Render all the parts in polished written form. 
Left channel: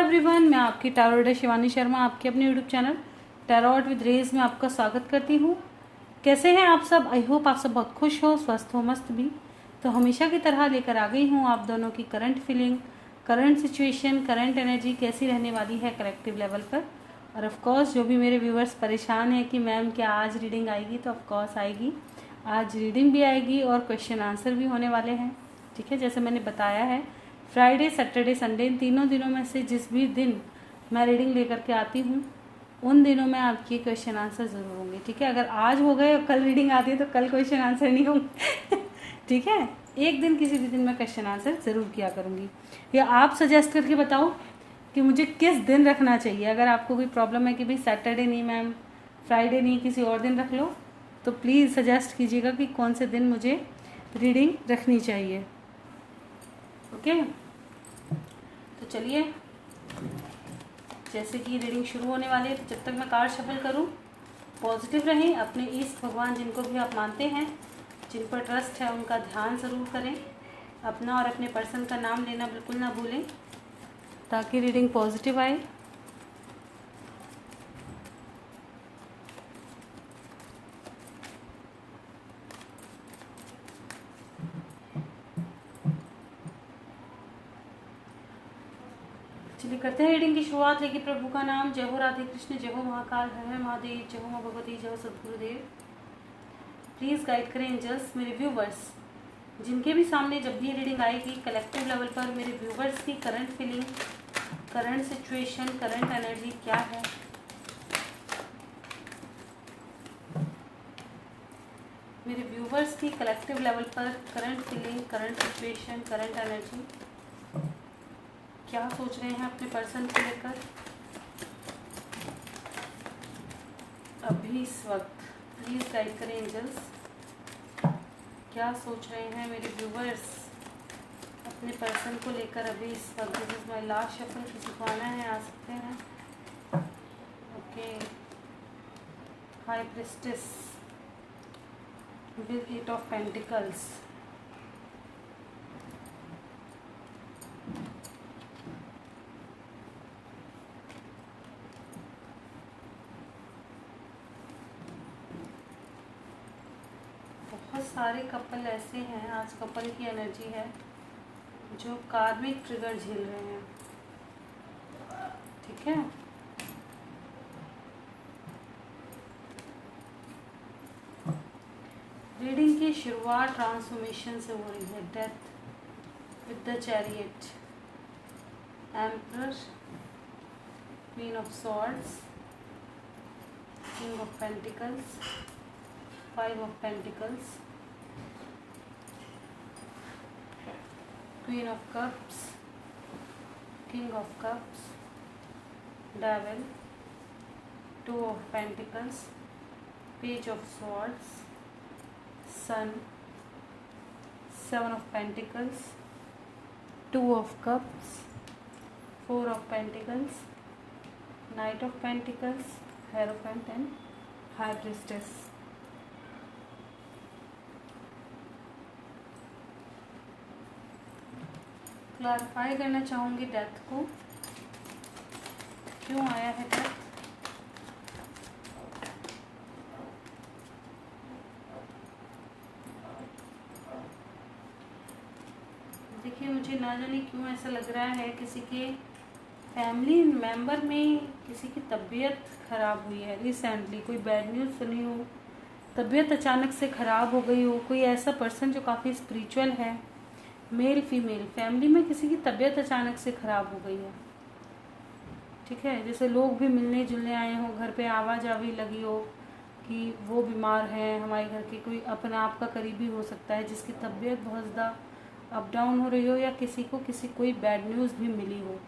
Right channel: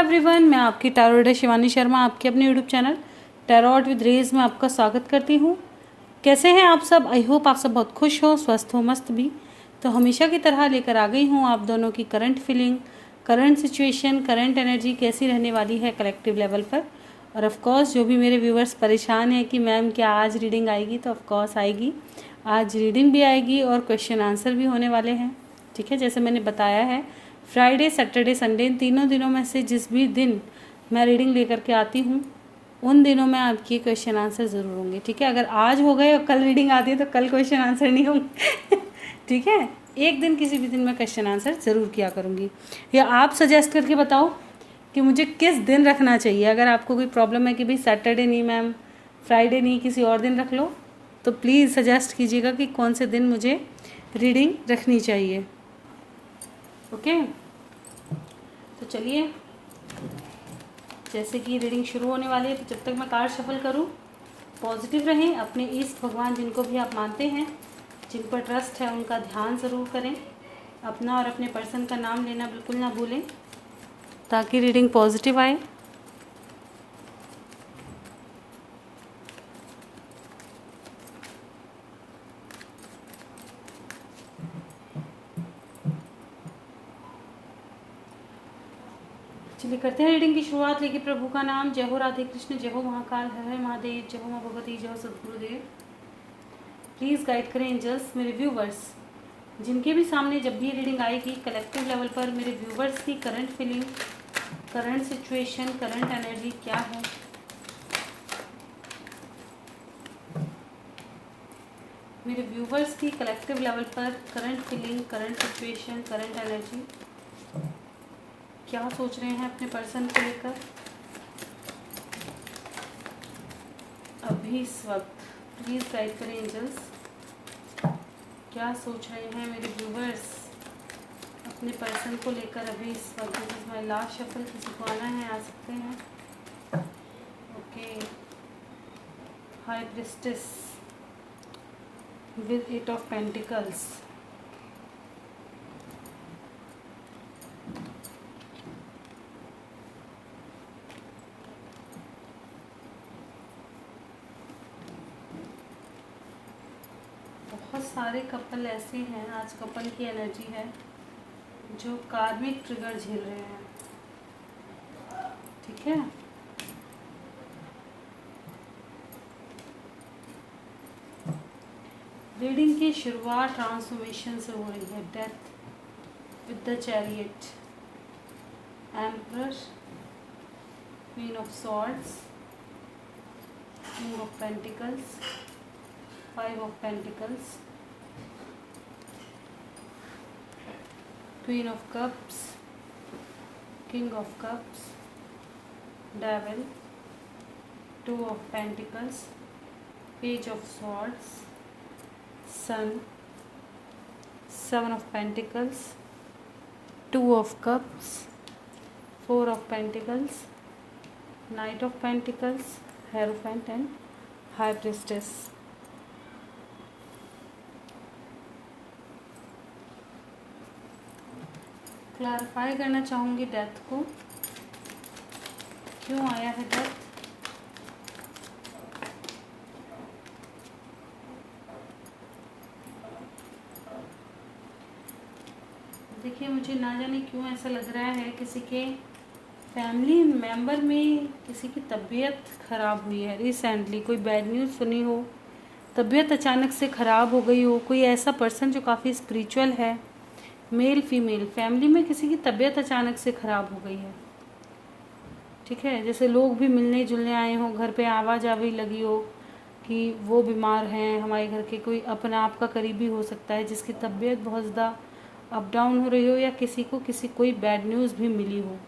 Everyone, मैं आपकी tarot reader Shivani Sharma आपके अपने YouTube channel tarot with Rez में आपका स्वागत करती हूँ। कैसे हैं आप सब? आई होप आप सब बहुत खुश हो, स्वस्थ हो, मस्त भी। तो हमेशा की तरह लेकर आ गई हूँ आप दोनों की current feeling, current situation, current energy कैसी रहने वाली है कलेक्टिव लेवल पर। और ऑफकोर्स जो भी मेरे व्यूवर्स परेशान हैं कि मैम क्या आज रीडिंग आएगी, तो ऑफकोर्स आएगी। आज रीडिंग भी आएगी और क्वेश्चन आंसर भी होने वाले हैं। ठीक है, जैसे मैंने बताया है, फ्राइडे, सैटरडे, संडे, इन तीनों दिनों में से जिस भी दिन मैं रीडिंग लेकर के आती हूँ उन दिनों में आपके क्वेश्चन आंसर ज़रूर होंगे। ठीक है, अगर आज हो गए और कल रीडिंग आती है तो कल क्वेश्चन आंसर नहीं होंगे। ठीक है, एक दिन किसी भी दिन मैं क्वेश्चन आंसर ज़रूर किया करूँगी। या आप सजेस्ट करके बताओ कि मुझे किस दिन रखना चाहिए। अगर आपको कोई प्रॉब्लम है कि भाई सैटरडे नहीं मैम, फ्राइडे नहीं, किसी और दिन रख लो, तो प्लीज़ सजेस्ट कीजिएगा कि कौन से दिन मुझे रीडिंग रखनी चाहिए। ओके, तो चलिए, जैसे कि रीडिंग शुरू होने वाली है, तो जब तक मैं कार्ड शफल करूं, पॉजिटिव रहें। अपने ईष्ट भगवान जिनको भी आप मानते हैं, जिन पर ट्रस्ट है, उनका ध्यान ज़रूर करें। अपना और अपने पर्सन का नाम लेना बिल्कुल ना भूलें, ताकि रीडिंग पॉजिटिव आए। चलिए करते हैं रीडिंग की शुरुआत। है कि प्रभु का नाम, जय हो राधे कृष्ण, जय हो महाकाल, हर हर महादेव, जय हो माँ भगवती, जय हो सदगुरुदेव। प्लीज़ गाइड करें एंजल्स मेरे व्यूवर्स, जिनके भी सामने जब भी रीडिंग आएगी कलेक्टिव लेवल पर, मेरे व्यूवर्स की current feeling, current situation, current energy क्या है। मेरे व्यूवर्स की कलेक्टिव लेवल पर current feeling, current situation, current energy क्या सोच रहे हैं अपने पर्सन को लेकर अभी इस वक्त। प्लीज़ गाइड करें एंजल्स, क्या सोच रहे हैं मेरे व्यूवर्स अपने पर्सन को लेकर अभी इस वक्त। This is my last shuffle, किसी को आना है आ सकते हैं। Okay, high priestess with 8 of pentacles, बहुत सारे कपल ऐसे हैं, आज कपल की एनर्जी है जो कार्मिक ट्रिगर झेल रहे हैं। ठीक है, रीडिंग की शुरुआत ट्रांसफॉर्मेशन से हो रही है। Death with the chariot, emperor, queen of swords, king of pentacles, 5 of Pentacles, Queen of Cups, King of Cups, Devil, 2 of Pentacles, Page of Swords, Sun, 7 of Pentacles, 2 of Cups, 4 of Pentacles, Knight of Pentacles, Hierophant and High Priestess। Clarify करना चाहूँगी death को, क्यों आया है death. देखिए, मुझे ना जाने क्यों ऐसा लग रहा है किसी के फैमिली मेंबर में किसी की तबीयत खराब हुई है रिसेंटली। कोई बैड न्यूज़ सुनी हो, तबीयत अचानक से ख़राब हो गई हो। कोई ऐसा पर्सन जो काफ़ी स्पिरिचुअल है, मेल फीमेल, फैमिली में किसी की तबीयत अचानक से ख़राब हो गई है। ठीक है, जैसे लोग भी मिलने जुलने आए हों, घर पे आवाज़ आवी लगी हो कि वो बीमार है, हमारे घर के कोई अपना आपका करीबी हो सकता है जिसकी तबीयत बहुत ज़्यादा अप डाउन हो रही हो, या किसी को कोई बैड न्यूज़ भी मिली हो।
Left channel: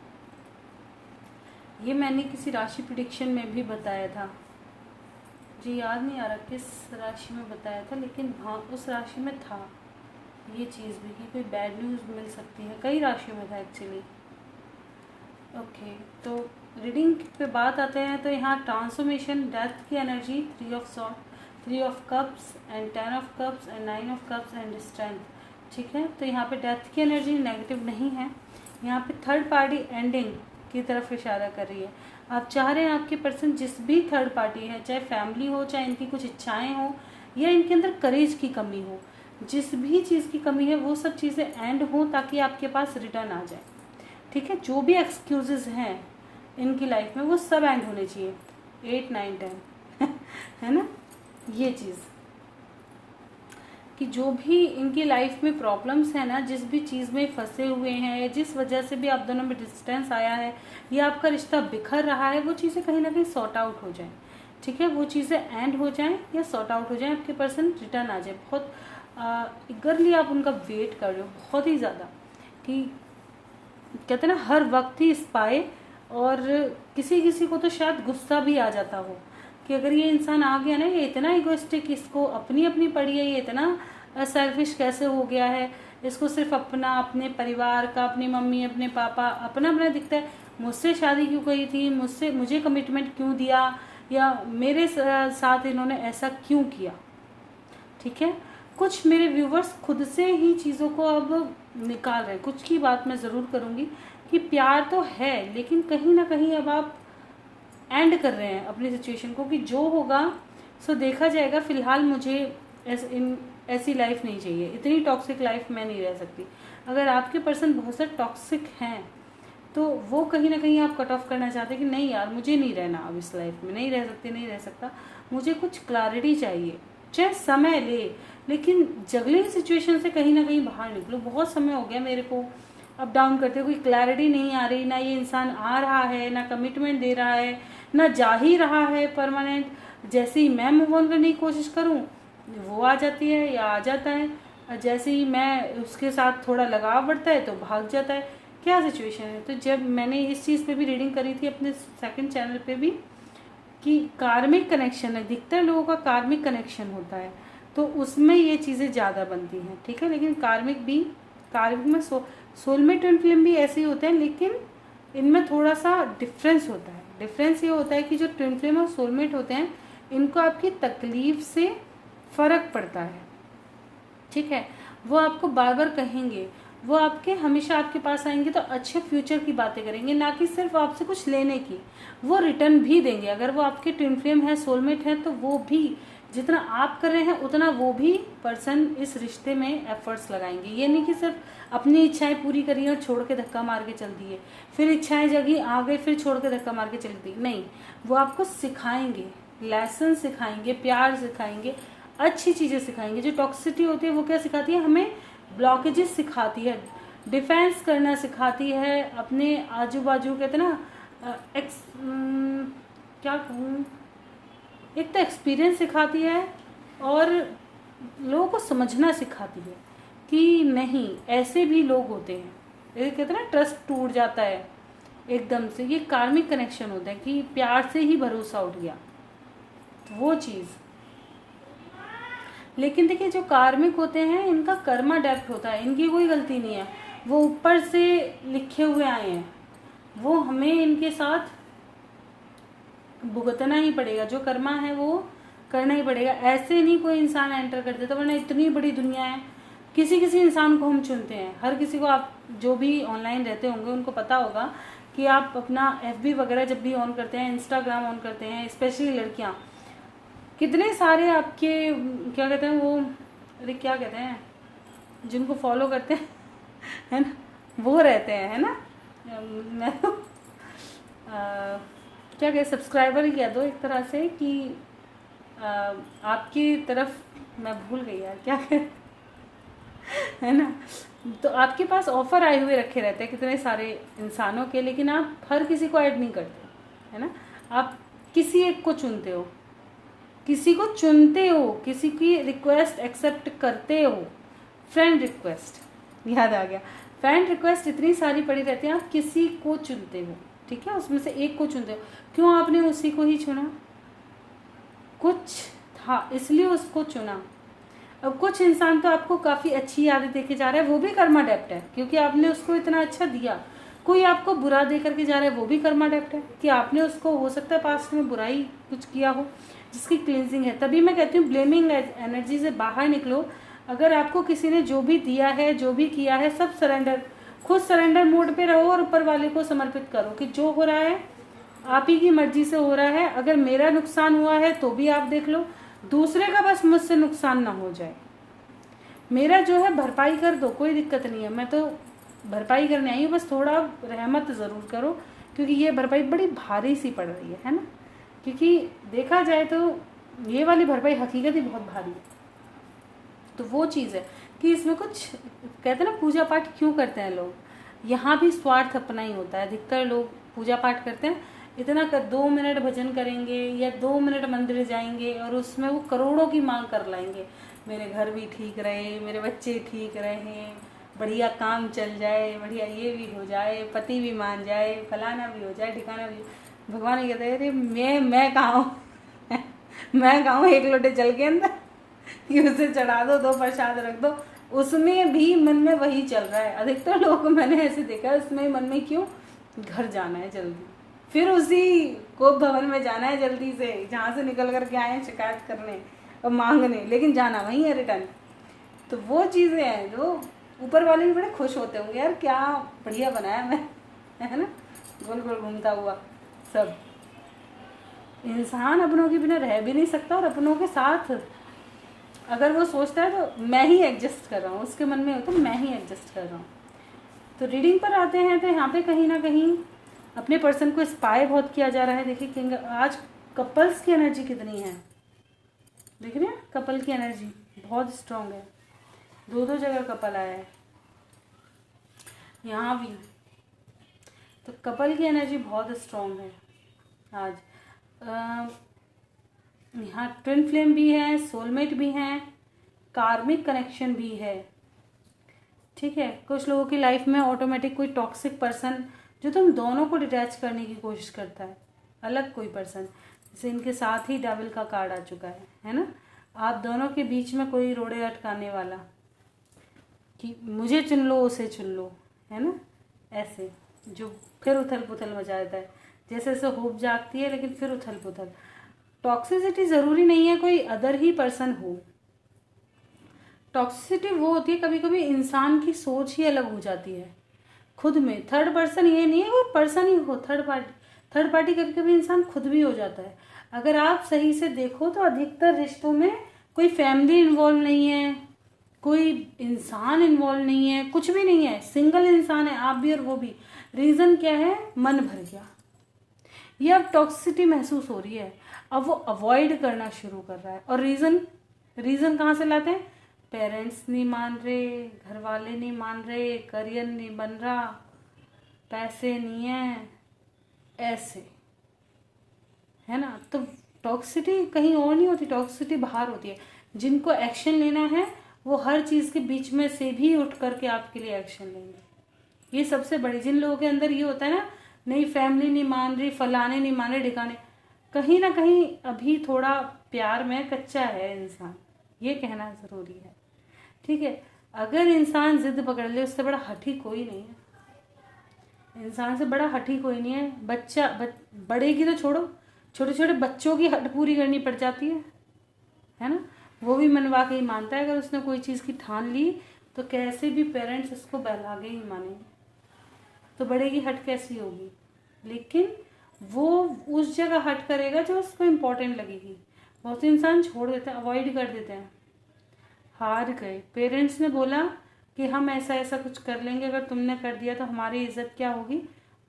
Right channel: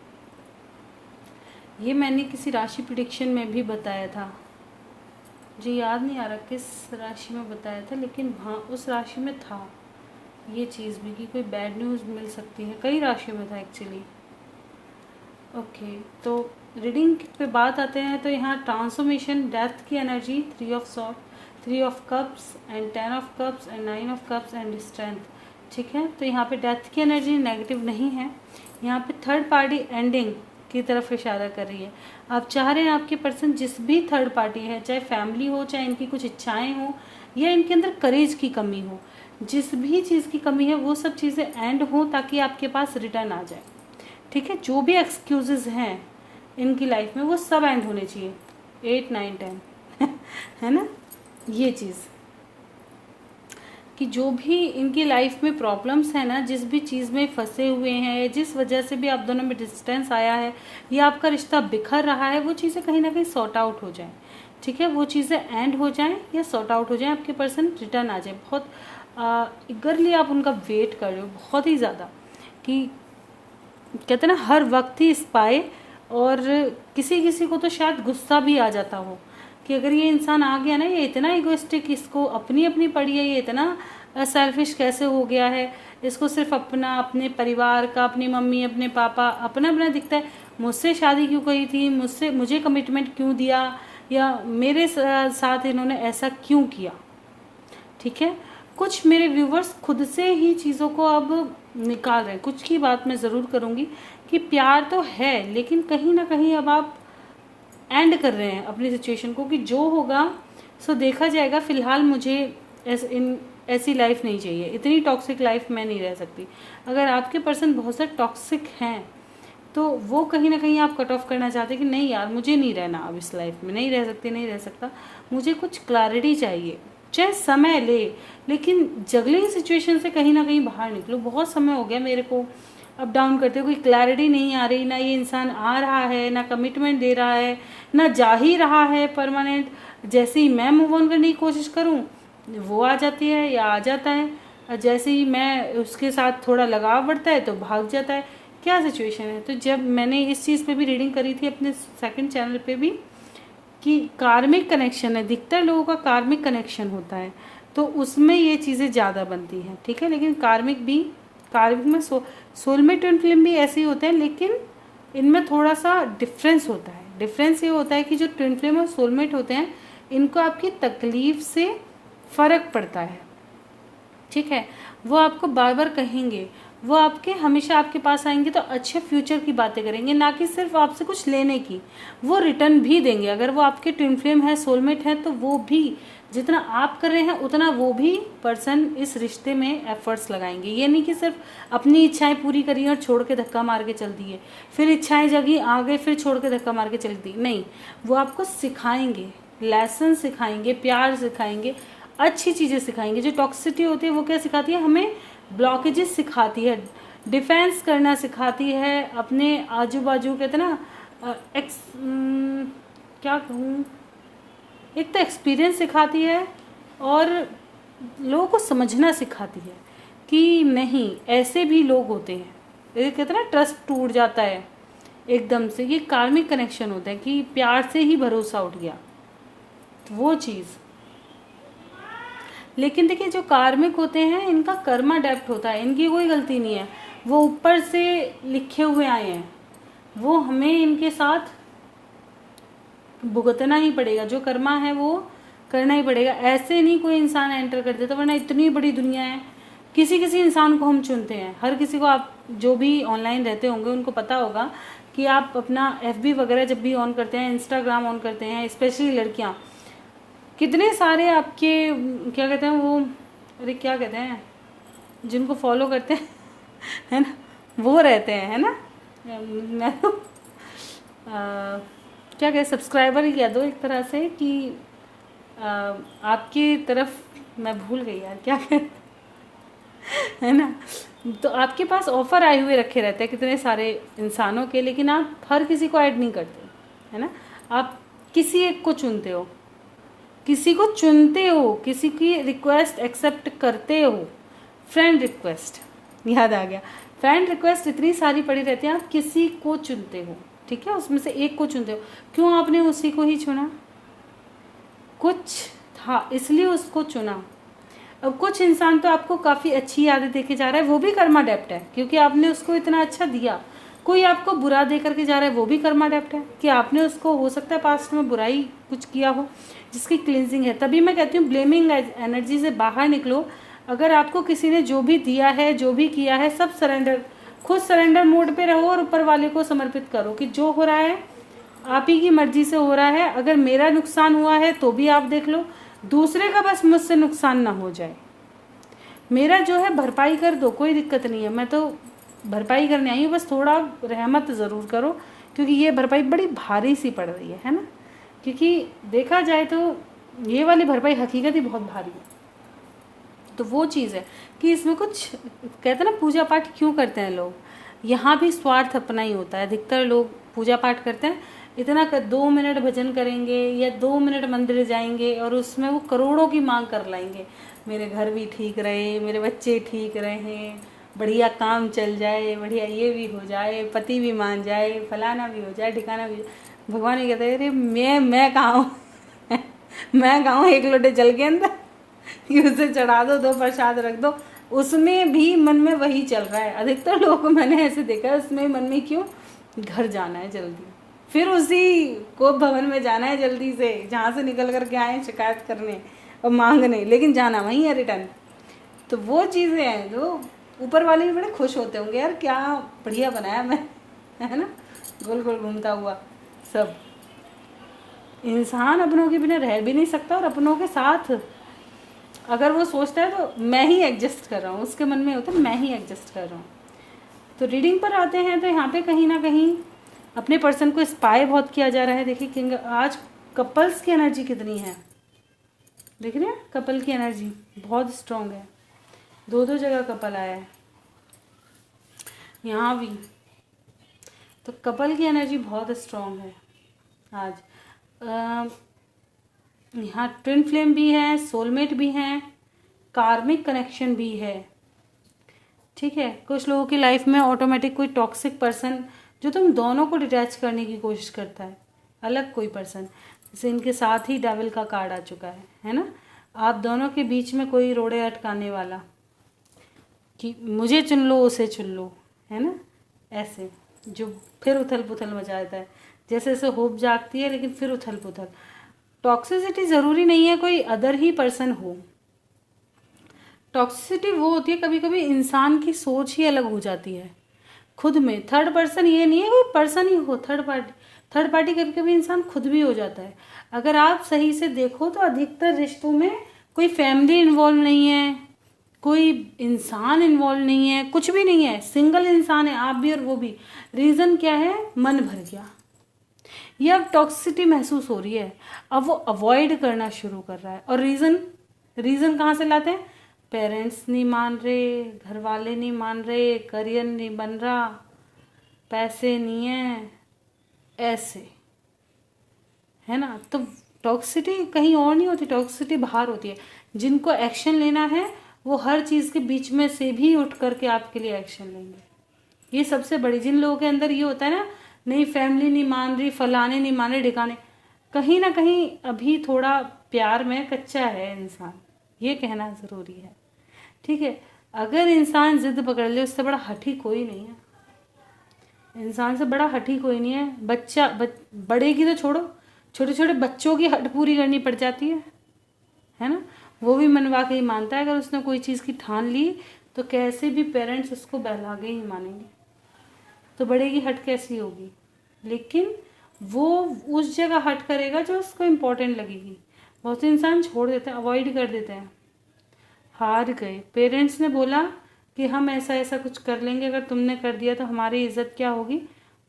ये मैंने किसी राशि प्रेडिक्शन में भी बताया था, मुझे याद नहीं आ रहा किस राशि में बताया था, लेकिन हाँ उस राशि में था ये चीज़ भी कि कोई बैड न्यूज़ मिल सकती है। कई राशियों में था एक्चुअली। ओके, तो रीडिंग पे बात आते हैं। तो यहाँ ट्रांसफॉर्मेशन, डेथ की energy, 3 of sword, 3 of cups and 10 of cups and 9 of cups and strength. ठीक है, तो यहाँ पे डेथ की एनर्जी नेगेटिव नहीं है। यहाँ पे थर्ड पार्टी एंडिंग की तरफ इशारा कर रही है। आप चाह रहे हैं आपके पर्सन जिस भी थर्ड पार्टी है, चाहे फैमिली हो, चाहे इनकी कुछ इच्छाएं हो, या इनके अंदर करेज की कमी हो, जिस भी चीज़ की कमी है वो सब चीज़ें एंड हो ताकि आपके पास रिटर्न आ जाए। ठीक है, जो भी एक्सक्यूजेज हैं इनकी लाइफ में वो सब एंड होने चाहिए। 8 9 10 है ना, ये चीज़ कि जो भी इनकी लाइफ में प्रॉब्लम्स है ना, जिस भी चीज़ में फंसे हुए हैं, जिस वजह से भी आप दोनों में डिस्टेंस आया है या आपका रिश्ता बिखर रहा है, वो चीज़ें कहीं ना कहीं सॉर्ट आउट हो जाएं। ठीक है, वो चीज़ें एंड हो जाएं या सॉर्ट आउट हो जाएं, आपके पर्सन रिटर्न आ जाए। बहुत ईगरली आप उनका वेट कर रहे हो, बहुत ही ज़्यादा, कि कहते हैं ना हर वक्त ही इस पाए। और किसी किसी को तो शायद गुस्सा भी आ जाता हो कि अगर ये इंसान आ गया ना, ये इतना इगोइस्टिक, इसको अपनी अपनी पड़ी है, ये इतना सेल्फिश कैसे हो गया है, इसको सिर्फ अपना, अपने परिवार का, अपनी मम्मी, अपने पापा, अपना अपना दिखता है। मुझसे शादी क्यों करी थी, मुझे कमिटमेंट क्यों दिया, या मेरे साथ इन्होंने ऐसा क्यों किया। ठीक है, कुछ मेरे व्यूवर्स खुद से ही चीज़ों को अब निकाल रहे हैं। कुछ की बात मैं ज़रूर करूँगी कि प्यार तो है, लेकिन कहीं ना कहीं अब आप एंड कर रहे हैं अपनी सिचुएशन को, कि जो होगा सो देखा जाएगा। फ़िलहाल मुझे ऐसी लाइफ नहीं चाहिए, इतनी टॉक्सिक लाइफ मैं नहीं रह सकती। अगर आपके पर्सन बहुत से टॉक्सिक हैं तो वो कहीं ना कहीं आप कट ऑफ करना चाहते हैं कि नहीं यार, मुझे नहीं रहना अब इस लाइफ में, नहीं रह सकती, नहीं रह सकता, मुझे कुछ क्लैरिटी चाहिए, चाहे समय ले, लेकिन जगलिंग सिचुएशन से कहीं ना कहीं बाहर निकलो। बहुत समय हो गया मेरे को अप डाउन करते हुए, कोई क्लैरिटी नहीं आ रही, ना ये इंसान आ रहा है, ना कमिटमेंट दे रहा है, ना जा ही रहा है परमानेंट। जैसे ही मैं मूव ऑन करने की कोशिश करूँ वो आ जाती है या आ जाता है, जैसे ही मैं उसके साथ थोड़ा लगाव बढ़ता है तो भाग जाता है। क्या सिचुएशन है। तो जब मैंने इस चीज़ पे भी रीडिंग करी थी अपने सेकंड चैनल पे भी, कि कार्मिक कनेक्शन है, दिखता है लोगों का कार्मिक कनेक्शन होता है, तो उसमें ये चीज़ें ज़्यादा बनती हैं। ठीक है, लेकिन कार्मिक में सोलमेट ट्विन फ्लेम भी ऐसे ही होते हैं, लेकिन इनमें थोड़ा सा डिफरेंस होता है। डिफरेंस ये होता है कि जो ट्विन फ्लेम और सोलमेट होते हैं, इनको आपकी तकलीफ से फ़र्क पड़ता है। ठीक है, वो आपको बार बार कहेंगे, वो आपके हमेशा आपके पास आएंगे तो अच्छे फ्यूचर की बातें करेंगे, ना कि सिर्फ आपसे कुछ लेने की। वो रिटर्न भी देंगे। अगर वो आपके ट्विन फ्लेम है, सोलमेट है, तो वो भी जितना आप कर रहे हैं उतना वो भी पर्सन इस रिश्ते में एफर्ट्स लगाएंगे। ये नहीं कि सिर्फ अपनी इच्छाएं पूरी करी और छोड़ के धक्का मार के चल दिए, फिर इच्छाएं जगी, आ गए, फिर छोड़ के धक्का मार के चल दी। नहीं, वो आपको सिखाएंगे, लेसन सिखाएंगे, प्यार सिखाएंगे, अच्छी चीज़ें सिखाएंगे। जो टॉक्सिसिटी होती है वो क्या सिखाती है हमें, ब्लॉकेजेस सिखाती है, डिफेंस करना सिखाती है, अपने आजू बाजू कहते ना क्या कहूँ, एक तो एक्सपीरियंस सिखाती है और लोगों को समझना सिखाती है कि नहीं, ऐसे भी लोग होते हैं। ये कहते हैं ना, ट्रस्ट टूट जाता है एकदम से। ये कार्मिक कनेक्शन होता है कि प्यार से ही भरोसा उठ गया, वो चीज़। लेकिन देखिए, जो कार्मिक होते हैं इनका कर्मा डेप्ट होता है, इनकी कोई गलती नहीं है, वो ऊपर से लिखे हुए आए हैं, वो हमें इनके साथ भुगतना ही पड़ेगा। जो कर्मा है वो करना ही पड़ेगा। ऐसे नहीं कोई इंसान एंटर कर देता, वरना इतनी बड़ी दुनिया है, किसी किसी इंसान को हम चुनते हैं। हर किसी को, आप जो भी ऑनलाइन रहते होंगे उनको पता होगा कि आप अपना FB वगैरह जब भी ऑन करते हैं, इंस्टाग्राम ऑन करते हैं, स्पेशली लड़कियाँ, कितने सारे आपके क्या कहते हैं वो, अरे क्या कहते हैं, जिनको फॉलो करते हैं है ना, वो रहते हैं, है ना। मैं तो क्या कहते, सब्सक्राइबर ही कह दो एक तरह से, कि आपकी तरफ मैं भूल गई यार क्या कहते है ना। तो आपके पास ऑफ़र आए हुए रखे रहते हैं कितने सारे इंसानों के, लेकिन आप हर किसी को ऐड नहीं करते, है ना। आप किसी एक को चुनते हो, किसी को चुनते हो, किसी की रिक्वेस्ट एक्सेप्ट करते हो। फ्रेंड रिक्वेस्ट याद आ गया, फ्रेंड रिक्वेस्ट इतनी सारी पड़ी रहती है, आप किसी को चुनते हो। ठीक है, उसमें से एक को चुनते हो। क्यों आपने उसी को ही चुना, कुछ था इसलिए उसको चुना। अब कुछ इंसान तो आपको काफ़ी अच्छी यादें देके जा रहा है, वो भी कर्मा डेप्ट है, क्योंकि आपने उसको इतना अच्छा दिया। कोई आपको बुरा दे करके जा रहा है, वो भी कर्मा डेप्ट है, कि आपने उसको, हो सकता है पास्ट में बुराई कुछ किया हो जिसकी क्लिनजिंग है। तभी मैं कहती हूँ ब्लेमिंग एनर्जी से बाहर निकलो। अगर आपको किसी ने जो भी दिया है, जो भी किया है, सब सरेंडर खुद सरेंडर मोड पे रहो और ऊपर वाले को समर्पित करो कि जो हो रहा है आप ही की मर्जी से हो रहा है। अगर मेरा नुकसान हुआ है तो भी आप देख लो, दूसरे का बस मुझसे नुकसान ना हो जाए। मेरा जो है भरपाई कर दो, कोई दिक्कत नहीं है, मैं तो भरपाई करने आई हूँ, बस थोड़ा रहमत ज़रूर करो, क्योंकि ये भरपाई बड़ी भारी सी पड़ रही है ना। क्योंकि देखा जाए तो ये वाली भरपाई हकीकत ही बहुत भारी है। तो वो चीज़ है कि इसमें कुछ कहते हैं ना, पूजा पाठ क्यों करते हैं लोग, यहाँ भी स्वार्थ अपना ही होता है। अधिकतर लोग पूजा पाठ करते हैं इतना कर 2 मिनट भजन करेंगे या 2 मिनट मंदिर जाएंगे और उसमें वो करोड़ों की मांग कर लाएंगे, मेरे घर भी ठीक रहे, मेरे बच्चे ठीक रहें, बढ़िया काम चल जाए, बढ़िया ये भी हो जाए, पति भी मान जाए, फलाना भी हो जाए, ठिकाना भी हो जाए। भगवान ये कहते हैं अरे मैं कहाँ हूँ मैं कहाँ हूँ, एक लोटे जल के अंदर कि उसे चढ़ा दो प्रसाद रख दो, उसमें भी मन में वही चल रहा है। अधिकतर लोगों को मैंने ऐसे देखा है, उसमें मन में क्यों, घर जाना है जल्दी, फिर उसी को भवन में जाना है जल्दी से, जहाँ से निकल करके आए शिकायत करने और मांगने, लेकिन जाना वहीं है रिटर्न। तो वो चीज़ें हैं जो ऊपर वाले भी बड़े खुश होते होंगे, यार क्या बढ़िया बनाया मैं, है ना, गोल गोल घूमता हुआ सब। इंसान अपनों के बिना रह भी नहीं सकता, और अपनों के साथ अगर वो सोचता है तो मैं ही एडजस्ट कर रहा हूँ, उसके मन में होता है मैं ही एडजस्ट कर रहा हूँ। तो रीडिंग पर आते हैं तो यहाँ पे कहीं ना कहीं अपने पर्सन को स्पाई बहुत किया जा रहा है। देखिए किंग आज कपल्स की एनर्जी कितनी है, देख रहे हैं, कपल की एनर्जी बहुत स्ट्रांग है, दो जगह कपल आया है यहाँ भी, तो कपल की एनर्जी बहुत स्ट्रांग है आज। यहाँ ट्विन फ्लेम भी है, सोलमेट भी हैं, कार्मिक कनेक्शन भी है, ठीक है। कुछ लोगों की लाइफ में ऑटोमेटिक कोई टॉक्सिक पर्सन जो तुम दोनों को डिटैच करने की कोशिश करता है, अलग कोई पर्सन, जैसे इनके साथ ही डेविल का कार्ड आ चुका है ना। आप दोनों के बीच में कोई रोड़े अटकाने वाला कि मुझे चुन लो उसे चुन लो, है ना, ऐसे जो फिर उथल पुथल मचा देता है, जैसे जैसे होप जागती है लेकिन फिर उथल पुथल। टॉक्सिसिटी ज़रूरी नहीं है कोई अदर ही पर्सन हो, टॉक्सिसिटी वो होती है कभी कभी इंसान की सोच ही अलग हो जाती है खुद में। थर्ड पर्सन ये नहीं है कोई पर्सन ही हो, थर्ड पार्टी कभी कभी इंसान खुद भी हो जाता है। अगर आप सही से देखो तो अधिकतर रिश्तों में कोई फैमिली इन्वॉल्व नहीं है, कोई इंसान इन्वॉल्व नहीं है, कुछ भी नहीं है, सिंगल इंसान है, आप भी और वो भी। रीज़न क्या है, मन भर गया, ये अब टॉक्सिसिटी महसूस हो रही है, अब वो अवॉइड करना शुरू कर रहा है। और रीज़न कहाँ से लाते हैं, पेरेंट्स नहीं मान रहे, घर वाले नहीं मान रहे, करियर नहीं बन रहा, पैसे नहीं है, ऐसे, है ना। तो टॉक्सिसिटी कहीं और नहीं होती, टॉक्सिसिटी बाहर होती है। जिनको एक्शन लेना है वो हर चीज़ के बीच में से भी उठ करके आपके लिए एक्शन लेंगे। ये सबसे बड़ी, जिन लोगों के अंदर ये होता है ना, नहीं फैमिली नहीं मान रही, फलाने नहीं मान रहे, ढिकाने, कहीं ना कहीं अभी थोड़ा प्यार में कच्चा है इंसान, ये कहना ज़रूरी है, ठीक है। अगर इंसान जिद पकड़ ले, उससे बड़ा हठी कोई नहीं है, इंसान से बड़ा हठी कोई नहीं है। बड़े की तो छोड़ो, छोटे छोटे बच्चों की हट पूरी करनी पड़ जाती है ना। वो भी मनवा के ही मानता है, अगर उसने कोई चीज़ की ठान ली तो कैसे भी पेरेंट्स उसको बहला के ही मानेंगे, तो बड़े की हट कैसी होगी। लेकिन वो उस जगह हट करेगा जो उसको इम्पोर्टेंट लगेगी। बहुत से इंसान छोड़ देते हैं, अवॉइड कर देते हैं, हार गए। पेरेंट्स ने बोला कि हम ऐसा ऐसा कुछ कर लेंगे, अगर तुमने कर दिया तो हमारी इज्जत क्या होगी,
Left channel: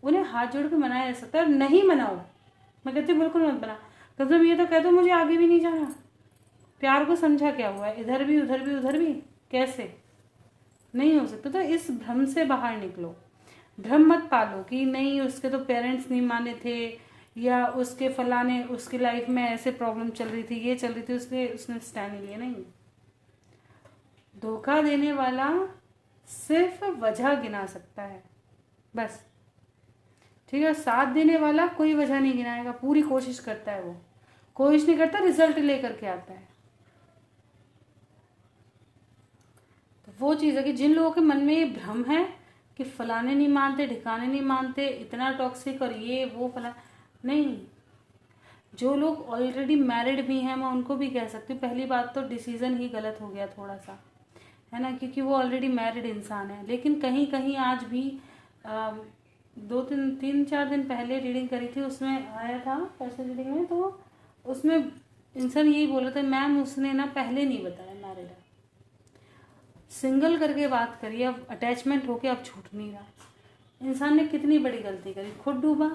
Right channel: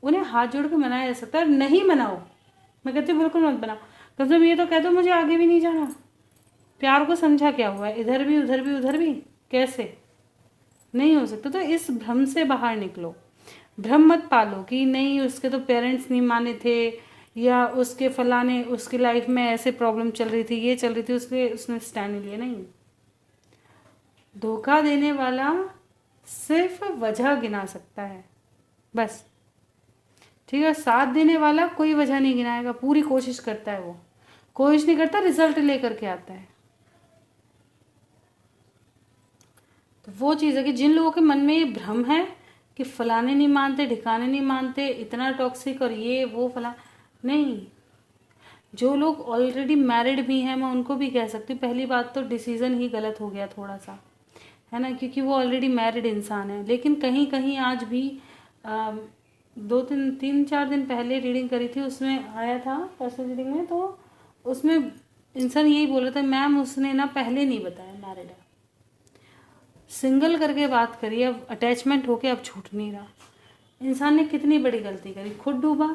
उन्हें हाथ जोड़ के मनाया जा सकता है। नहीं मनाओ, मैं कहती हूँ बिल्कुल मत बनाओ, कम से कम ये तो कह दो मुझे आगे भी नहीं जाना। प्यार को समझा क्या हुआ है, इधर भी उधर भी उधर भी, कैसे नहीं हो सकता। तो इस भ्रम से बाहर निकलो, भ्रम मत पालो कि नहीं उसके तो पेरेंट्स नहीं माने थे, या उसके फलाने उसकी लाइफ में ऐसे प्रॉब्लम चल रही थी, ये चल रही थी, उसने स्टैंड लिया। नहीं, धोखा देने वाला सिर्फ वजह गिना सकता है बस, ठीक है। साथ देने वाला कोई वजह नहीं गिनाएगा, पूरी कोशिश करता है, वो कोशिश नहीं करता, रिजल्ट लेकर के आता है। तो वो चीज़ है कि जिन लोगों के मन में ये भ्रम है कि फलाने नहीं मानते, ढिकाने नहीं मानते, इतना टॉक्सिक और ये वो फला, नहीं। जो लोग ऑलरेडी मैरिड भी हैं, मैं उनको भी कह सकती हूँ, पहली बात तो डिसीज़न ही गलत हो गया थोड़ा सा, है ना, क्योंकि वो ऑलरेडी मैरिड इंसान है। लेकिन कहीं कहीं आज भी 2-3-4 दिन पहले रीडिंग करी थी, उसमें आया था पर्सनल रीडिंग में, तो उसमें इंसान यही बोल रहा था, मैम उसने ना पहले नहीं बताया मैरिड है, सिंगल करके बात करी, अब अटैचमेंट होके अब छूट नहीं रहा। इंसान ने कितनी बड़ी गलती करी, खुद डूबा,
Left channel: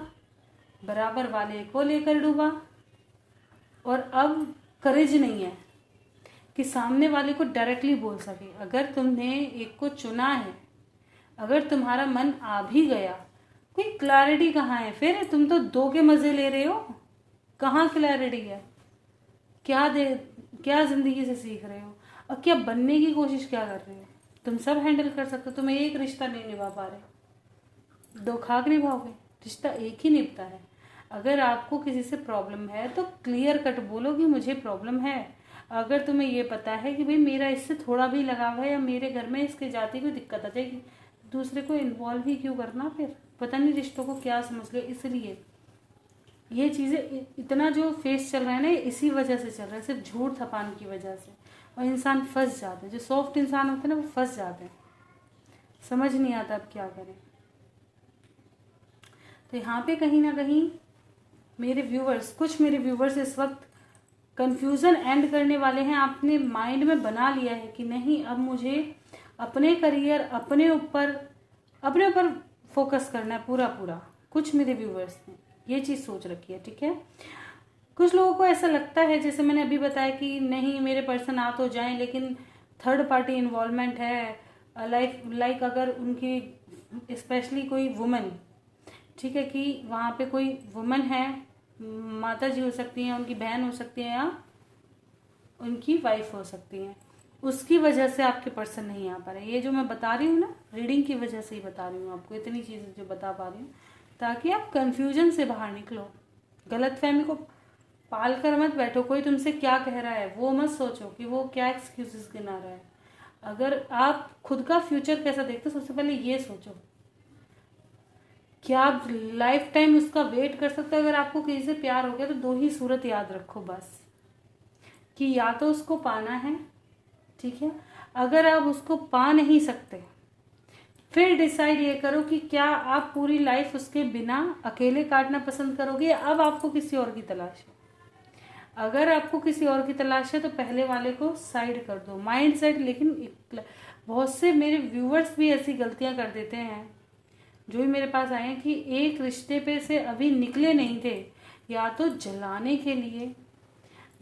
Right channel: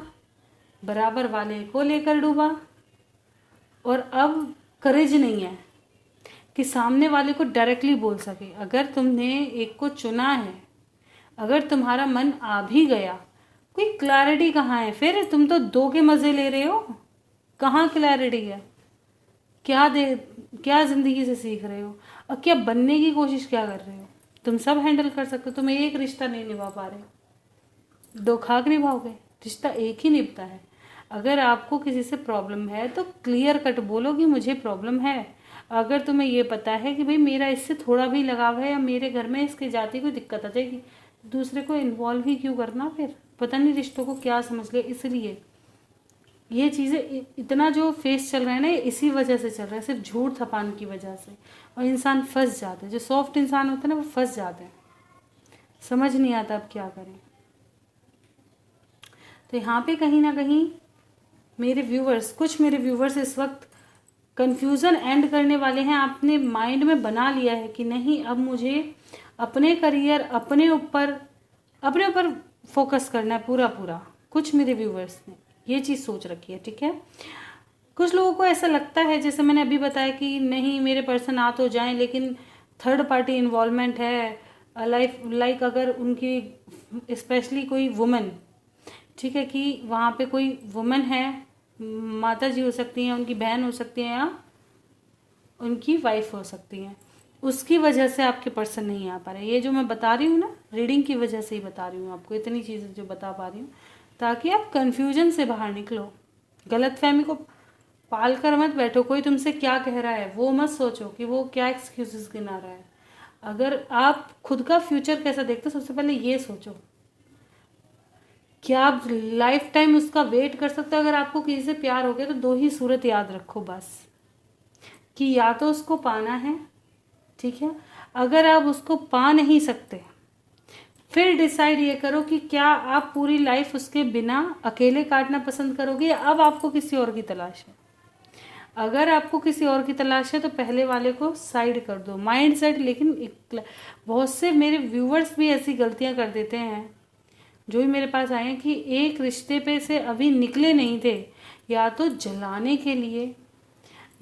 बराबर वाले को लेकर डूबा, और अब करेज नहीं है कि सामने वाले को डायरेक्टली बोल सके। अगर तुमने एक को चुना है, अगर तुम्हारा मन आ भी गया, कोई क्लैरिटी कहाँ है? फिर तुम तो दो के मजे ले रहे हो, कहाँ क्लैरिटी है? क्या जिंदगी से सीख रहे हो, और क्या बनने की कोशिश क्या कर रहे हो? तुम सब हैंडल कर सकते हो, तुम एक रिश्ता नहीं निभा पा रहे, दो खाक निभाओगे? रिश्ता एक ही निभता है। अगर आपको किसी से प्रॉब्लम है तो क्लियर कट बोलो कि मुझे प्रॉब्लम है। अगर तुम्हें ये पता है कि भाई मेरा इससे थोड़ा भी लगाव है या मेरे घर में इसके जाति कोई दिक्कत आ जाएगी, दूसरे को इन्वॉल्व ही क्यों करना? फिर पता नहीं रिश्तों को क्या समझ लिया। इसलिए ये चीज़ें इतना जो फेस चल रहा है ना, इसी वजह से चल रहा है, सिर्फ झूठ थपान की वजह से। और इंसान फंस जाते हैं, जो सॉफ्ट इंसान होते हैं ना वो फंस जाते हैं, समझ नहीं आता अब क्या करें। तो यहाँ पे कहीं ना कहीं कुछ मेरे व्यूवर्स इस वक्त कंफ्यूजन एंड करने वाले हैं। आपने माइंड में बना लिया है कि नहीं, अब मुझे अपने करियर, अपने ऊपर फोकस करना है पूरा पूरा। कुछ मेरे व्यूवर्स ने ये चीज़ सोच रखी है, ठीक है। कुछ लोगों को ऐसा लगता है, जैसे मैंने अभी बताया, कि नहीं मेरे पर्सन आ तो जाएं लेकिन थर्ड पार्टी इन्वॉल्वमेंट है, लाइक अगर उनकी स्पेशली कोई वुमेन, ठीक है, कि वहाँ पे कोई वुमेन है, माता जी हो सकती हैं, उनकी बहन हो सकती है, या उनकी वाइफ हो सकती हैं, उसकी वजह से आपके पर्सन नहीं आ पा रहे। ये जो मैं बता रही हूँ ना, रीडिंग की वजह से ही बता रही हूँ आपको, इतनी चीज़ें जो बता पा रही हूँ, ताकि आप कन्फ्यूजन से बाहर निकलो। गलतफहमी को पाल कर मत बैठो, कोई तुमसे क्या कह रहा है वो मत सोचो कि वो क्या एक्सक्यूजेस गिना रहा है। अगर आप खुद का फ्यूचर कैसा देखते हो, सबसे पहले ये सोचो, क्या आप लाइफ टाइम उसका वेट कर सकते हो? अगर आपको किसी से प्यार हो गया तो दो ही सूरत याद रखो बस, कि या तो उसको पाना है, ठीक है, अगर आप उसको पा नहीं सकते फिर डिसाइड ये करो कि क्या आप पूरी लाइफ उसके बिना अकेले काटना पसंद करोगे, या अब आपको किसी और की तलाश है। अगर आपको किसी और की तलाश है तो पहले वाले को साइड कर दो, माइंड सेट। लेकिन बहुत से मेरे व्यूवर्स भी ऐसी गलतियां कर देते हैं, जो भी मेरे पास आए हैं, कि एक रिश्ते पे से अभी निकले नहीं थे, या तो जलाने के लिए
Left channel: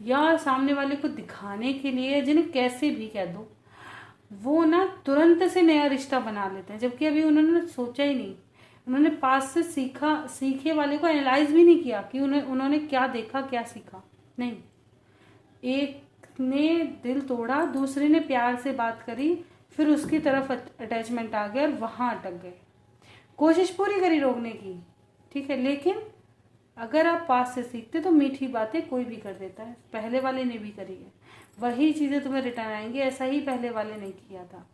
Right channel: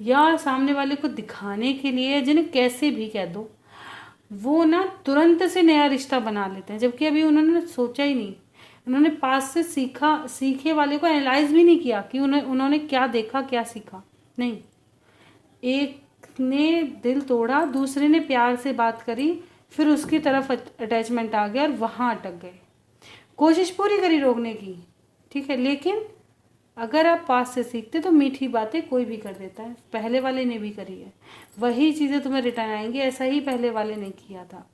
या सामने वाले को दिखाने के लिए, या जिन्हें कैसे भी कह दो, वो ना तुरंत से नया रिश्ता बना लेते हैं, जबकि अभी उन्होंने सोचा ही नहीं, उन्होंने पास से सीखे वाले को एनालाइज भी नहीं किया कि उन्होंने क्या देखा, क्या सीखा। नहीं, एक ने दिल तोड़ा, दूसरे ने प्यार से बात करी, फिर उसकी तरफ अटैचमेंट आ गया और वहाँ अटक गए। कोशिश पूरी करी रोकने की, ठीक है, लेकिन अगर आप पास से सीखते तो मीठी बातें कोई भी कर देता है। पहले वाले ने भी करी है, वही चीज़ें तुम्हें रिटर्न आएंगी। ऐसा ही पहले वाले ने किया था,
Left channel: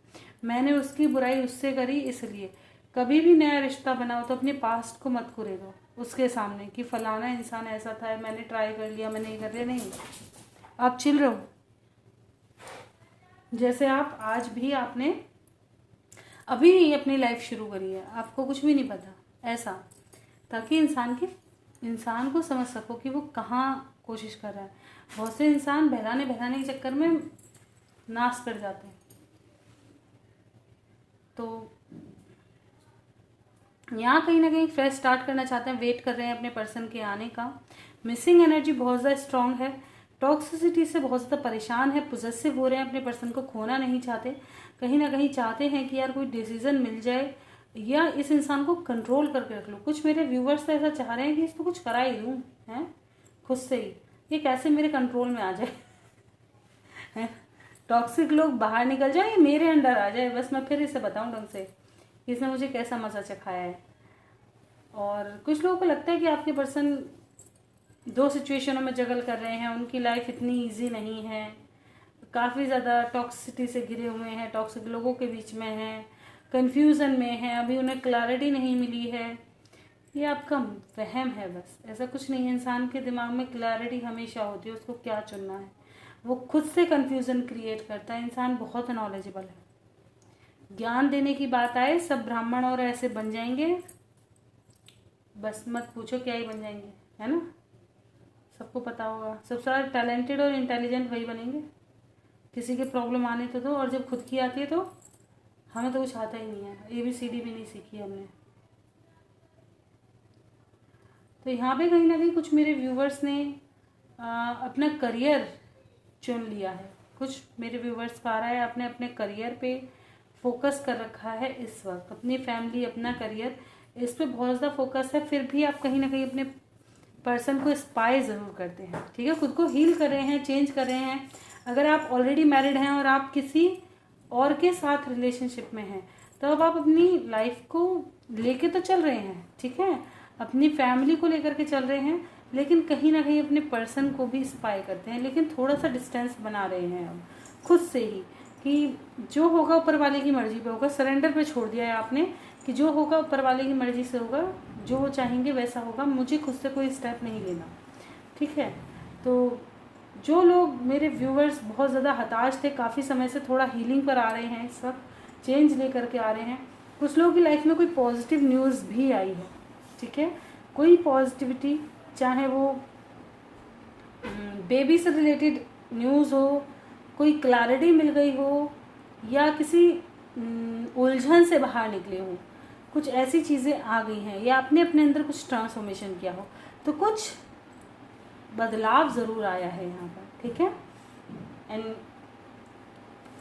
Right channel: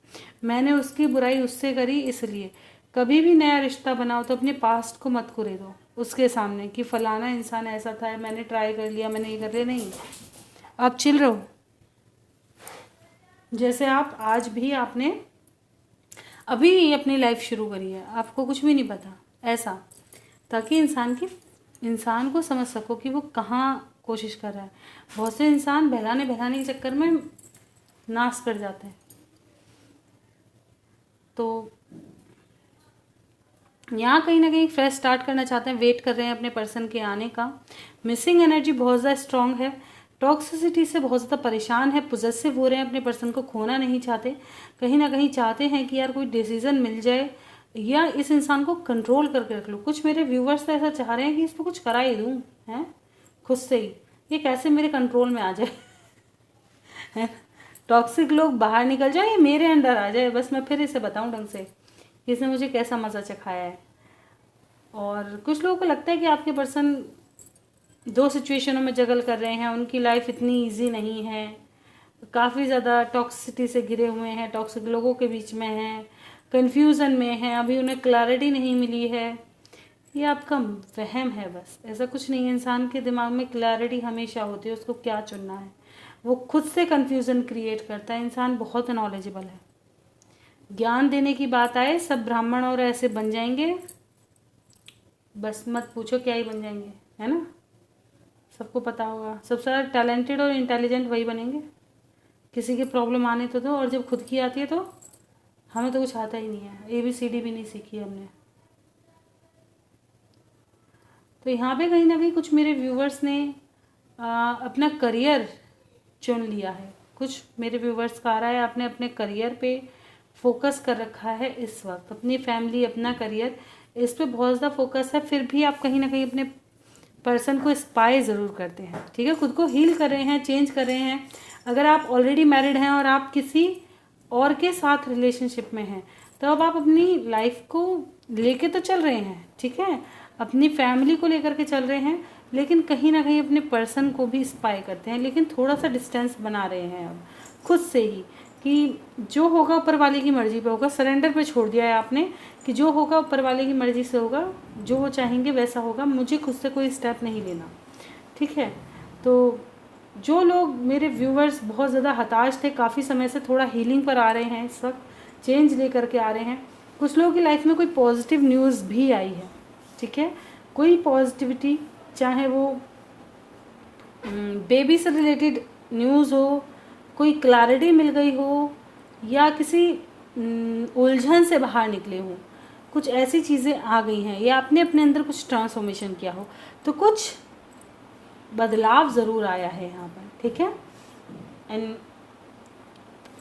मैंने उसकी बुराई उससे करी। इसलिए कभी भी नया रिश्ता बनाओ तो अपने पास्ट को मत कुरे दो उसके सामने, कि फलाना इंसान ऐसा था, मैंने ट्राई कर लिया, मैंने ये कर लिया। नहीं, आप चिल रहो जैसे आप आज भी आपने अभी अपनी लाइफ शुरू करी है, आपको कुछ भी नहीं पता, ऐसा, ताकि इंसान को समझ सको कि वो कहाँ कोशिश कर रहा है। बहुत से इंसान बहलाने के चक्कर में नाश कर जाते हैं। तो यहाँ कहीं ना कहीं फ्रेश स्टार्ट करना चाहते हैं, वेट कर रहे हैं अपने पर्सन के आने का। मिसिंग एनर्जी बहुत ज़्यादा स्ट्रांग है, टॉक्सिसिटी से बहुत ज़्यादा परेशान है, पोजेसिव हो रहे हैं, अपने पर्सन को खोना नहीं चाहते। कहीं ना कहीं चाहते हैं कि यार कोई डिसीजन मिल जाए या इस इंसान को कंट्रोल करके रख लो। कुछ मेरे व्यूवर्स तो ऐसा चाह रहे हैं कि इसको कुछ करा ही दूँ, हैं, खुद से ही, ये कैसे मेरे कंट्रोल में आ जाए, टॉक्सिक लोग बाहर निकल जाए, ये मेरे अंडर आ जाए, बस मैं फिर इसे बताऊं ढंग से कि इसने मुझे कैसा मज़ा चखाया है। और कुछ लोगों को लगता है कि आपके पर्सन दो सिचुएशनों में जगल कर रहे हैं, उनकी लाइफ इतनी ईजी नहीं है, काफ़ी ज़्यादा टॉक्सिसिटी से घिरे हुए हैं, टॉक्सिक लोगों के बीच में हैं, कन्फ्यूज़न में हैं, अभी उन्हें क्लैरिटी नहीं मिली है। ये आपका वहम है बस, ऐसा कुछ नहीं है। इंसान के दिमाग में क्लैरिटी हमेशा होती है, उसको क्या चुनना है। वो खुद से कन्फ्यूज़न क्रिएट करता है। इंसान बहुत नॉलेजेबल है, ज्ञान देने की बात आए, सब ब्राह्मण और ऐसे बन जाएंगे, बस मत पूछो क्या ही बन जाएंगे, है ना। सबको पता होगा, सबसे ज़्यादा टैलेंटेड और इंटेलिजेंट वही बनेंगे। किसी की प्रॉब्लम आने तो दो, और जब खुद की आती है तो हमें तो कुछ आता ही नहीं है, ABCD भी नहीं सीखी हमने। तो यहाँ पे कहीं ना कहीं कुछ मेरे व्यूवर्स ने अपना करियर चुन लिया है। कुछ मेरे व्यूवर्स का आ रहा है आपने अपने करियर पे फोकस कर रखा है इस वक्त, अपनी फैमिली, अपना करियर, इस पे बहुत ज़्यादा फोकस है। फिर भी आप कहीं ना कहीं अपने पर्सन को स्पाई ज़रूर करते हैं, ठीक है। खुद को हील कर रहे हैं, चेंज कर रहे हैं। अगर आप ऑलरेडी मैरिड हैं और आप किसी और के साथ रिलेशनशिप में हैं, तो अब आप अपनी लाइफ को लेके तो चल रहे हैं, ठीक है, अपनी फैमिली को लेकर के चल रहे हैं, लेकिन कहीं ना कहीं अपने पर्सन को भी स्पाई करते हैं, लेकिन थोड़ा सा डिस्टेंस बना रहे हैं अब खुद से ही, कि जो होगा ऊपर वाले की मर्जी पे होगा। सरेंडर पे छोड़ दिया है आपने कि जो होगा ऊपर वाले की मर्जी से होगा, जो वो चाहेंगे वैसा होगा, मुझे खुद से कोई स्टेप नहीं लेना, ठीक है। तो जो लोग मेरे व्यूवर्स बहुत ज़्यादा हताश थे, काफ़ी समय से थोड़ा हीलिंग पर आ रहे हैं, इस वक्त चेंज ले करके आ रहे हैं। कुछ लोगों की लाइफ में कोई पॉजिटिव न्यूज़ भी आई है, ठीक है, कोई पॉजिटिविटी, चाहे वो बेबी से रिलेटेड न्यूज़ हो, कोई क्लैरिटी मिल गई हो, या किसी उलझन से बाहर निकले हो, कुछ ऐसी चीज़ें आ गई हैं, या आपने अपने अंदर कुछ ट्रांसफॉर्मेशन किया हो, तो कुछ बदलाव ज़रूर आया है यहाँ पर, ठीक है। एंड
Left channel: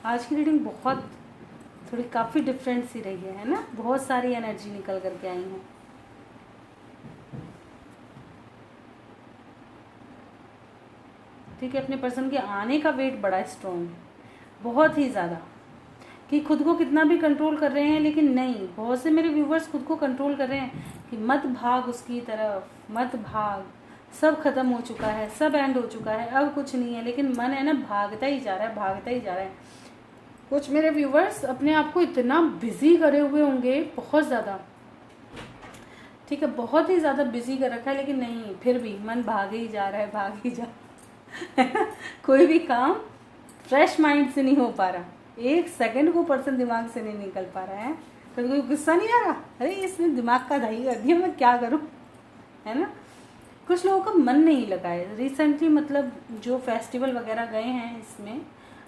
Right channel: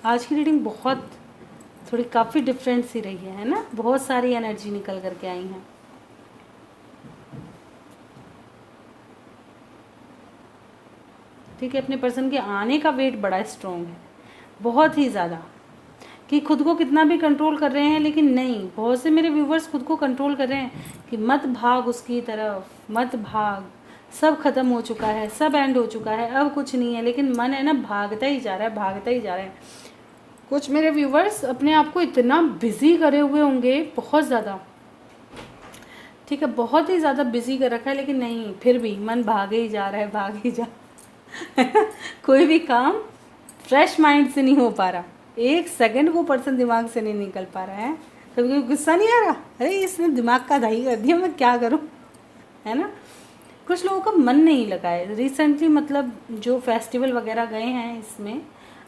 आज की रीडिंग बहुत थोड़ी काफ़ी डिफरेंट सी रही है ना, बहुत सारी एनर्जी निकल करके आई हैं। ठीक है, अपने पर्सन के आने का वेट बड़ा स्ट्रॉन्ग है, बहुत ही ज़्यादा, कि खुद को कितना भी कंट्रोल कर रहे हैं, लेकिन नहीं, बहुत से मेरे व्यूवर्स खुद को कंट्रोल कर रहे हैं कि मत भाग उसकी तरफ, मत भाग, सब खत्म हो चुका है, सब एंड हो चुका है, अब कुछ नहीं है, लेकिन मन है ना भागता ही जा रहा है, भागता ही जा रहा है। कुछ मेरे व्यूवर्स अपने आप को इतना बिजी करे हुए होंगे, बहुत ज़्यादा, ठीक है, बहुत ही ज़्यादा बिजी कर रखा है, लेकिन नहीं, फिर भी मन भागे ही जा रहा है, भाग ही जा कोई भी काम फ्रेश माइंड से नहीं हो पा रहा, एक सेकंड को पर्सन दिमाग से नहीं निकल पा रहा है। कभी कभी गुस्सा नहीं आ रहा, अरे इसने दिमाग का दही कर दिया, मैं क्या करूं, है ना। कुछ लोगों का मन नहीं लगा है रिसेंटली, मतलब जो फेस्टिवल वगैरह गए हैं इसमें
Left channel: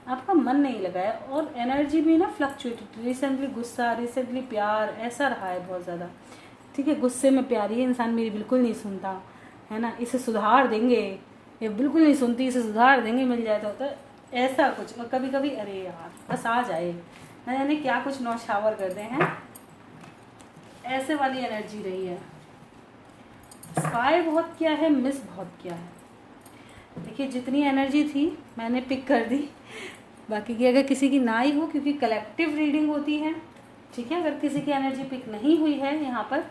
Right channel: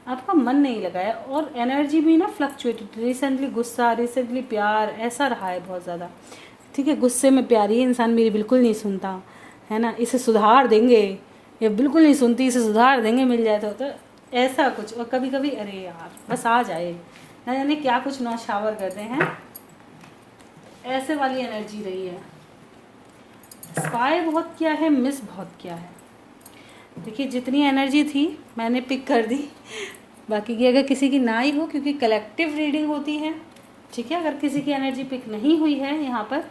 आपका मन नहीं लगा है, और एनर्जी भी ना फ्लक्चुएटेड, रिसेंटली गुस्सा, रिसेंटली प्यार, ऐसा रहा है बहुत ज़्यादा, ठीक है। गुस्से में प्यारी इंसान मेरी बिल्कुल नहीं सुनता, है ना, इसे सुधार देंगे, ये बिल्कुल नहीं सुनती, इसे सुधार देंगे, मिल जाए तो ऐसा कुछ। और कभी कभी अरे यार बस आ जाए, ना जाने क्या कुछ नौशावर करते हैं, ऐसे वाली एनर्जी रही है। स्पाई बहुत किया है, मिस बहुत किया है। देखिए जितनी एनर्जी थी मैंने पिक कर दी, बाकी की अगर किसी की ना ही हो, क्योंकि कलेक्टिव रीडिंग होती है, ठीक है। अगर किसी की एनर्जी पिक नहीं हुई है यहाँ पर,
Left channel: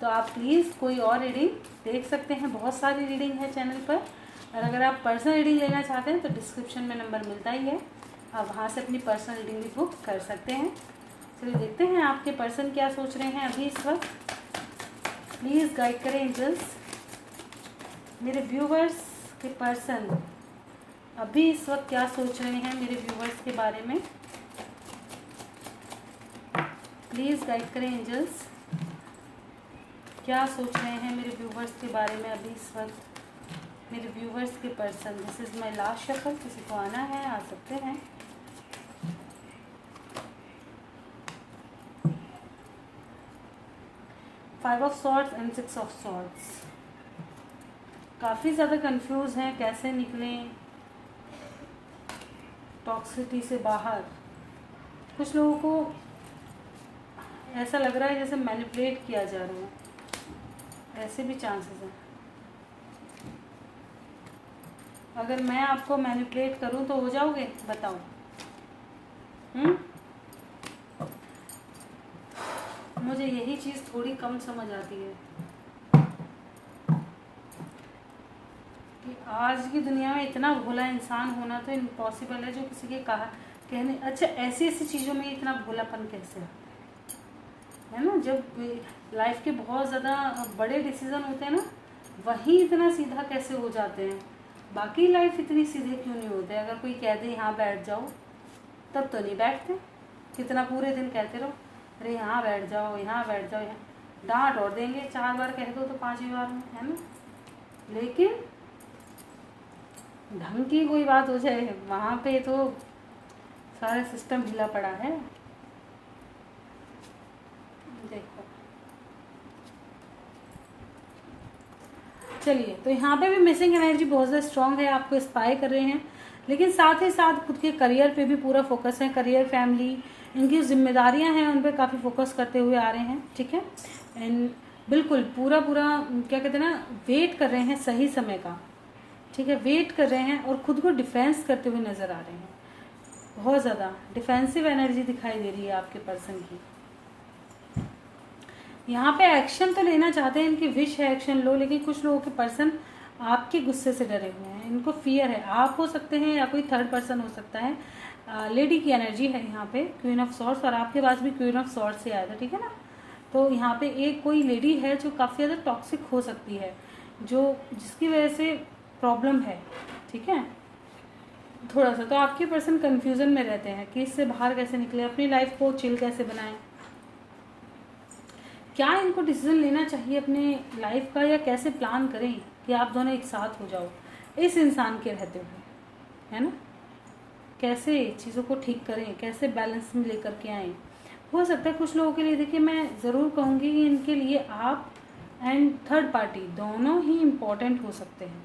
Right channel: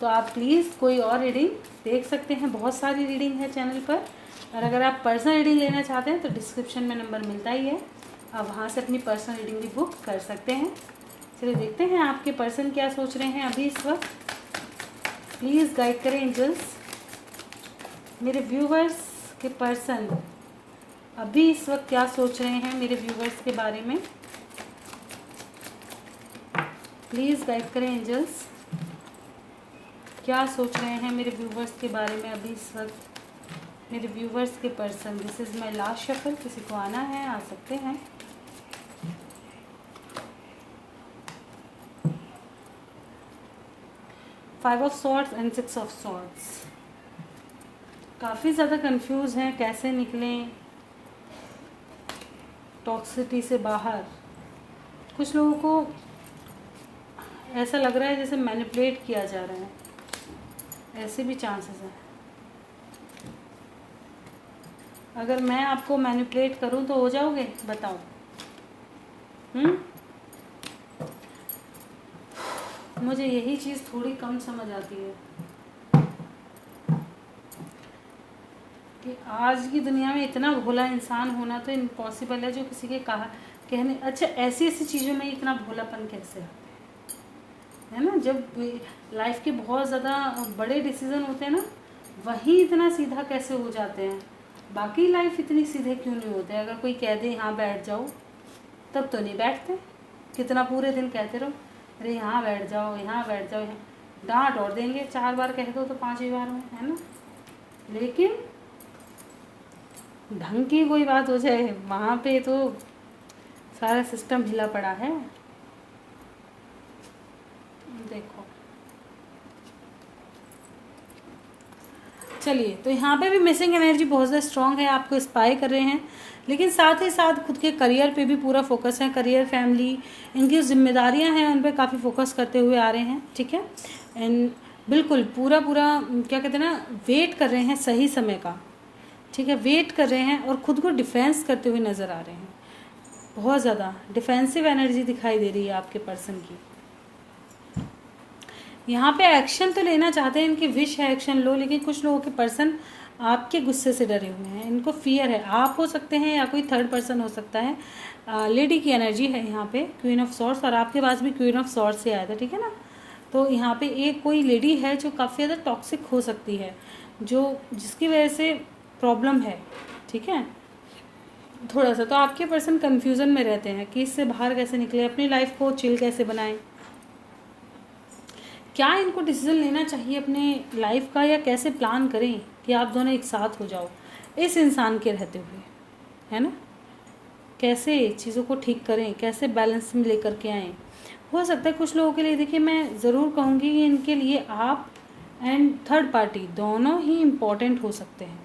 तो आप प्लीज़ कोई और रीडिंग देख सकते हैं, बहुत सारी रीडिंग है चैनल पर। और अगर आप पर्सनल रीडिंग लेना चाहते हैं तो डिस्क्रिप्शन में नंबर मिलता ही है, आप वहाँ से अपनी पर्सनल रीडिंग भी बुक कर सकते हैं। चलिए देखते हैं आपके पर्सन क्या सोच रहे हैं अभी इस वक्त। प्लीज़ गाइड करें एंजल्स, मेरे व्यूवर्स के पर्सन अभी इस वक्त क्या सोच रहे हैं मेरे व्यूवर्स के बारे में। प्लीज़ गाइड करें एंजल्स, क्या सोच रहे हैं मेरे व्यूवर्स के बारे में अभी इस वक्त मेरे व्यूवर्स के person. This is my last shuffle, किसी को आना है आ सकते हैं। Five of swords and six of swords, काफ़ी ज़्यादा कंफ्यूज हैं, कैसे निकलें टॉक्सिसिटी से बाहर। कुछ लोगों को ऐसा लग रहा है जैसे मैनिपुलेट किया जा रहा है, ऐसे भी चांसेस हैं। अगर मैं आपको मैनिपुलेट करूं तो हो जाओगे, बताओ। मुझे यही चीज़ थोड़ी कम समझ आती है कि आज की दुनिया में इतना भोला इंसान होना तो इम्पॉसिबल है, जो किसी के कहा कहने, अच्छा ऐसी ऐसी चीज़ों में इतना भोलापन कैसे है ना। जब लाइफ के बहुत ज़्यादा बड़े डिसीजन होते हैं ना, वहीं इतना सीधा कैसे हो जाते हैं, बाकी लाइफ इतनी सीधे क्यों नहीं होते। अगर कोई कह दे यहाँ बैठ जाओ, तब तो नहीं बैठते, कितना पूरे दिन कहते रहो, अरे यहाँ बैठ जाओ, यहाँ बैठ जाओ, यहाँ डांट और देंगे, 4 बार कह दो तो 5वीं बार में, है ना। लेकिन ढंग की कोई बात हो जाए, वहाँ पे तो सारा सिस्टम हिला पड़ा है। देखो, चलिए, तो यहाँ पे भी मिसिंग एनर्जी बहुत ज़्यादा स्ट्रांग है, आपको इंस्पायर कर रहे हैं, लेकिन साथ ही साथ खुद के करियर पे भी पूरा फोकस है। करियर, फैमिली, इनकी जिम्मेदारियां हैं, उन पे काफ़ी फोकस करते हुए आ रहे हैं, ठीक है। एंड बिल्कुल पूरा क्या कहते हैं ना, वेट कर रहे हैं सही समय का, ठीक है, वेट कर रहे हैं और खुद को डिफेंस करते हुए नज़र आ रहे हैं। बहुत ज़्यादा डिफेंसिव एनर्जी दिखाई दे रही है आपके पर्सन की। यहाँ पे एक्शन तो लेना चाहते हैं, इनकी विश है एक्शन लो, लेकिन कुछ लोगों के पर्सन आपके गुस्से से डरे हुए हैं, इनको फियर है। आप हो सकते हैं या कोई थर्ड पर्सन हो सकता है। लेडी की एनर्जी है यहाँ पे, क्वीन ऑफ सॉर्ड्स, और आपके पास भी क्वीन ऑफ सॉर्ड्स से आया था, ठीक है ना। तो यहाँ पे एक कोई लेडी है जो काफ़ी ज़्यादा टॉक्सिक हो सकती है, जिसकी वजह से प्रॉब्लम है, ठीक है, थोड़ा सा। तो आपके पर्सन कन्फ्यूज़न में रहते हैं कि इससे बाहर कैसे निकले, अपनी लाइफ को चिल कैसे बनाएं, क्या इनको डिसीजन लेना चाहिए अपने लाइफ का, या कैसे प्लान करें कि आप दोनों एक साथ हो जाओ इस इंसान के रहते हुए, है ना। कैसे चीज़ों को ठीक करें, कैसे बैलेंस में लेकर के आएँ। हो सकता है कुछ लोगों के लिए, देखिए मैं ज़रूर कहूँगी कि इनके लिए आप एंड थर्ड पार्टी दोनों ही इम्पॉर्टेंट हो सकते हैं,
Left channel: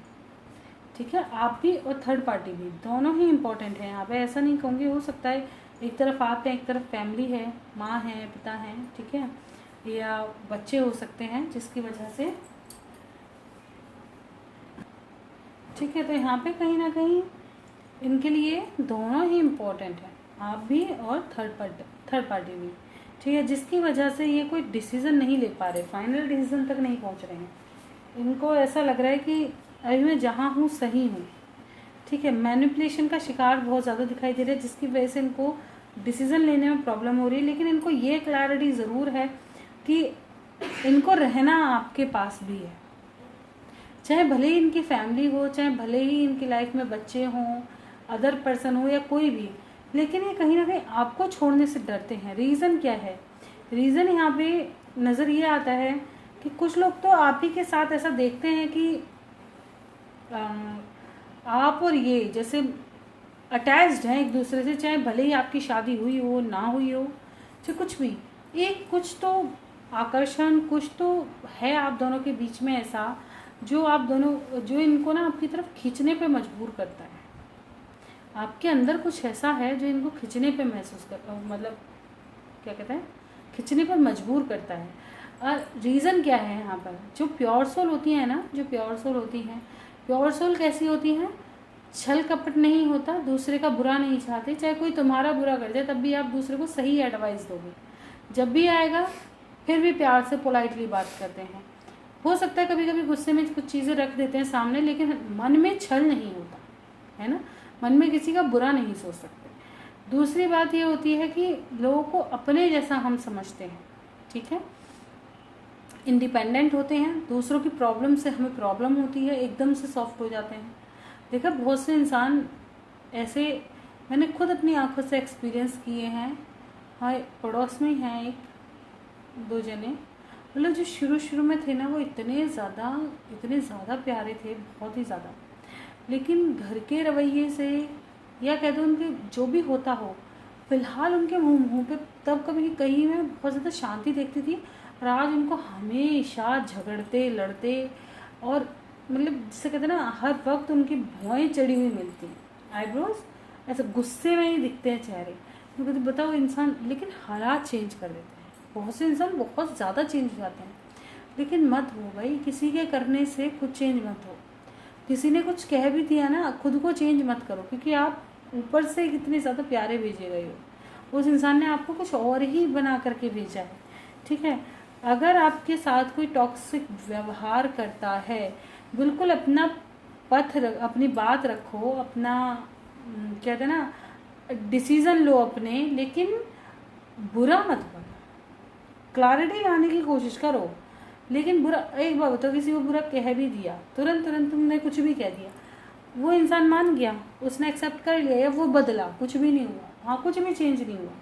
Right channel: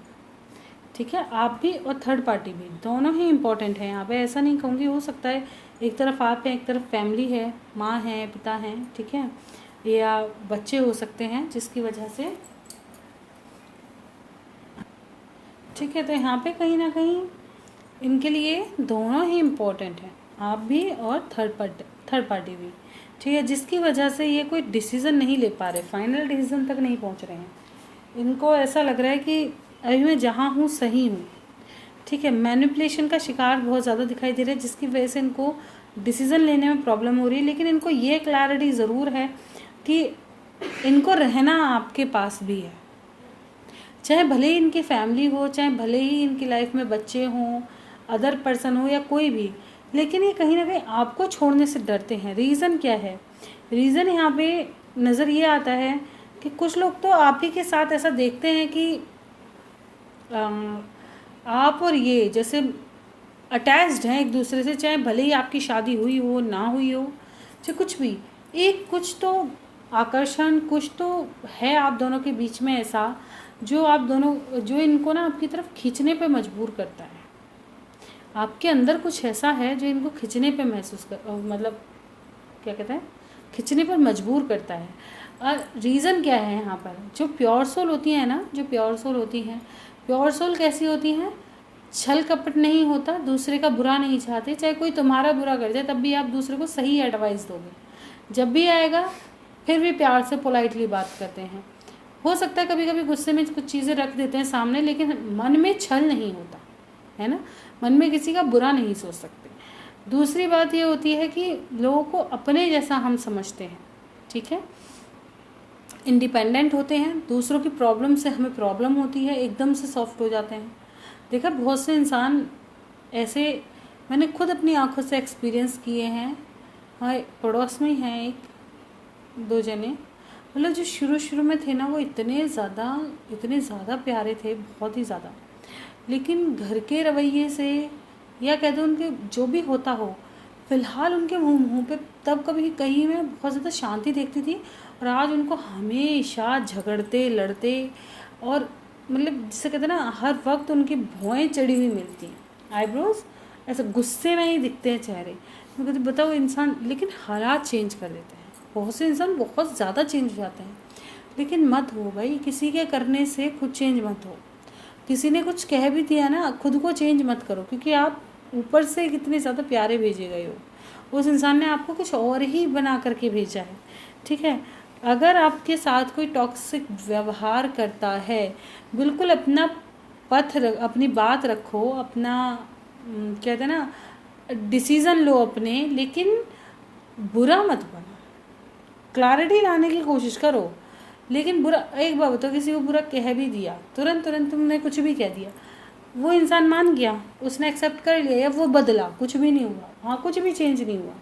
ठीक है। आप भी और थर्ड पार्टी भी दोनों ही इम्पॉर्टेंट हैं यहाँ पे। ऐसा नहीं कहूँगी, हो सकता है एक तरफ आप हैं, एक तरफ फैमिली है, माँ है, पिता हैं, ठीक है, या बच्चे हो सकते हैं, जिसकी वजह से, ठीक है। तो यहाँ पे कहीं ना कहीं इनके लिए दोनों ही इम्पोर्टेंट है, आप भी और थर्ड पार्टी भी, ठीक है, जिसकी वजह से ये कोई डिसीज़न नहीं ले पा रहे, फाइनल डिसीज़न तक नहीं पहुँच रहे हैं। इनको ऐसा लग रहा है कि अभी मैं जहाँ हूँ सही हूँ, ठीक है। मैनिपुलेशन का शिकार बहुत ज़्यादा दिखाई दे रहा है, जिसकी वजह से इनको डिसीज़न लेने में प्रॉब्लम हो रही है। लेकिन इनको ये क्लैरिटी ज़रूर है कि इनको रहना आपके पास भी है, चाहे भले ही इनकी फैमिली हो, चाहे भले ही इनकी लाइफ में बच्चे हों, अदर पर्सन हो या कोई भी, लेकिन ये कहीं ना कहीं आपको छोड़ने से डरते हैं। रीज़न क्या है? रीज़न यहाँ पे नज़र ये आता है कि कुछ लोग तो आप ही के साथ ऐसा देखते हैं कि आप और ये जैसे अटैच्ड हैं एक दूसरे से, चाहे भले ही आपकी शादी हुई हो ना हुई हो, चाहे कुछ भी, एक कुछ तो आकर्षण, कुछ तो है आप दोनों के बीच में ऐसा, जो इनको ना आपकी तरफ खींचने पे मजबूर करता है। आपके अंदर कुछ ऐसा है जो इनको खींचने पे मतलब क्या कहते हैं, खींचने पर मजबूर करता है। और रीज़न क्या है यहाँ पर? जो प्योर सोल होती है ना, जो प्योर सोल होती हैं, प्योर सोल कैसी होती हैं? छल कपट नहीं होता, दूसरे का बुरा नहीं चाहते, चाहे कोई तुम्हारा बुरा कर जाए तब भी आप दूसरे को सही एडवाइस दोगे। जब भी आएगा फिर भी प्यार से पोलाइटली बात करते हैं। हो सकता है कभी कभी गुस्से में कुछ चीज़ें रख देते हैं सामने, लेकिन मन में छल नहीं होता है ना, मन में किसी का बुरा नहीं सोच सकते। दूसरी बात ये होती है कि लोगों को अपने जैसा हम समझते हैं, ठीक है, इंडिपेंडेंट होते हैं, दूसरों की प्रॉब्लम से हमें प्रॉब्लम होती है, एकदम से सॉफ्ट हो जाते हैं। देखा, बहुत से इंसान ऐसे मैंने खुद अपनी आंखों से एक्सपीरियंस किए हैं। हाँ, पड़ोस में ही हैं एक दो जने, मतलब जो शुरू में थे ना, वो इतने ज़्यादा प्यारे थे, बहुत ही ज़्यादा, लेकिन घर के रवैये से या कह दो उनके जो भी होता हो, फ़िलहाल उनके मुँह पे तब कभी कहीं मैं बहुत ज़्यादा शांति देखती थी, और आज उनको हमेशा झगड़ते लड़ते और मतलब जिसे कहते हैं ना, हर वक्त उनकी भौएँ चढ़ी हुई मिलती हैं, आईब्रोज ऐसे गुस्से में ही दिखते हैं चेहरे। मैं कहती बताओ इंसान, लेकिन हालात चेंज कर देते हैं। बहुत से इंसान बहुत ज़्यादा चेंज हो जाते हैं, लेकिन मत हो भाई, किसी के करने से खुद चेंज मत हो। किसी ने कुछ कह भी दिया ना, खुद को चेंज मत करो, क्योंकि आप ऊपर से कितने ज़्यादा प्यारे भेजे गए हो, उस इंसान ने आपको कुछ और ही बना करके भेजा है, ठीक है। अगर आपके साथ कोई टॉक्सिक व्यवहार करता है, बिल्कुल अपना अपनी बात रखो, अपना कहते हैं ना, डिसीज़न लो अपने, लेकिन बुरा मत बनो, क्लैरिटी लाने की कोशिश करो। लेकिन बुरा, एक बार बताओ, किसी को बुरा कह भी दिया, तुरंत तुमने कुछ भी कह दिया, वो इंसान मान गया, उसने एक्सेप्ट कर लिया या वो बदला, कुछ भी नहीं हुआ, हाँ कुछ भी चेंज नहीं हुआ,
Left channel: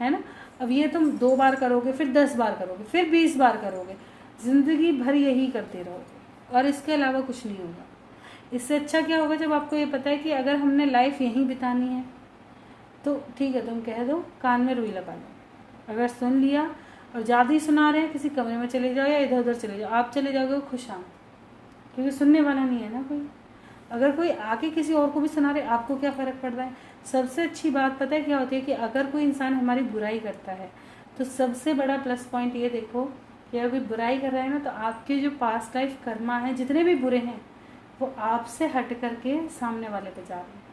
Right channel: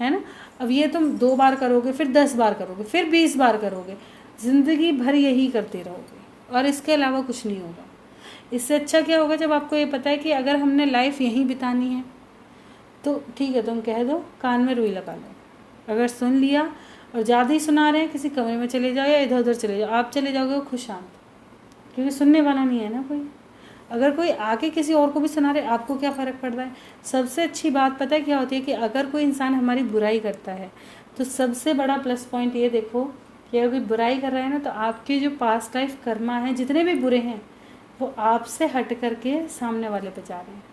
है ना। अब ये तुम 2 बार करोगे, फिर 10 बार करोगे, फिर 20 बार करोगे, ज़िंदगी भर यही करते रहोगे और इसके अलावा कुछ नहीं होगा। इससे अच्छा क्या होगा, जब आपको ये पता है कि अगर हमने लाइफ यहीं बितानी है तो ठीक है, तुम कह दो कान में रुई लगा लो। अगर सुन लिया और ज़्यादा ही सुना रहे हैं, किसी कमरे में चले जाओ या इधर उधर चले जाओ, आप चले जाओगे खुशहाल, क्योंकि सुनने वाला नहीं है ना कोई। अगर कोई आके किसी और को भी सुना रहे, आपको क्या फ़र्क पड़ रहा है। सबसे अच्छी बात पता है क्या होती है कि अगर कोई इंसान हमारी बुराई करता है तो सबसे बड़ा प्लस पॉइंट ये देखो कि अगर कोई बुराई कर रहा है ना, तो आपके जो पास्ट लाइफ कर्मा हैं जितने भी बुरे हैं वो आपसे हट करके सामने वाले पे जा रहे हैं।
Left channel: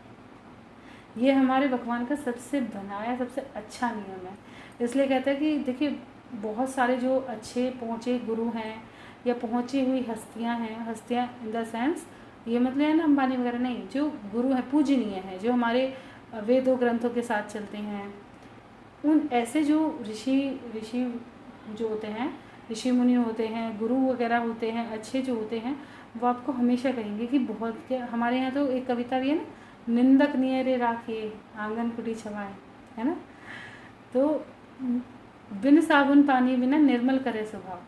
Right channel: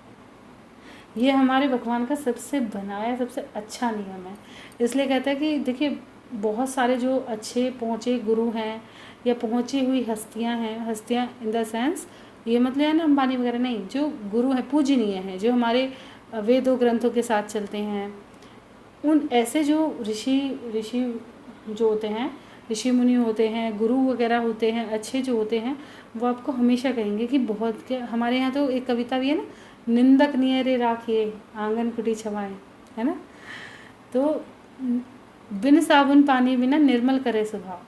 ये हमारे भगवान का सबसे बनाया सबसे अच्छा नियम है। इसलिए कहते हैं कि देखिए, बहुत सारे जो अच्छे पहुँचे गुरु हैं या पहुँची हुई हस्तियाँ हैं, हस्तियाँ इन द सेंस ये मतलब है ना अंबानी वगैरह नहीं, जो गुरु हैं पूजनीय हैं, जो हमारे वेदों ग्रंथों के साथ चलते हैं, उन ऐसे जो ऋषि ऋषि जो होते हैं, ऋषि मुनि होते हैं, गुरु वगैरह होते हैं, अच्छे जो होते हैं, वो आपको हमेशा कहेंगे कि बहुत के हमारे यहाँ तो एक कविता भी है ना, निंदक नियरे राखिए आंगन कुटी छवाएं, है ना। तो बिन साबुन पानी बिना निर्मल करे स्वभाव।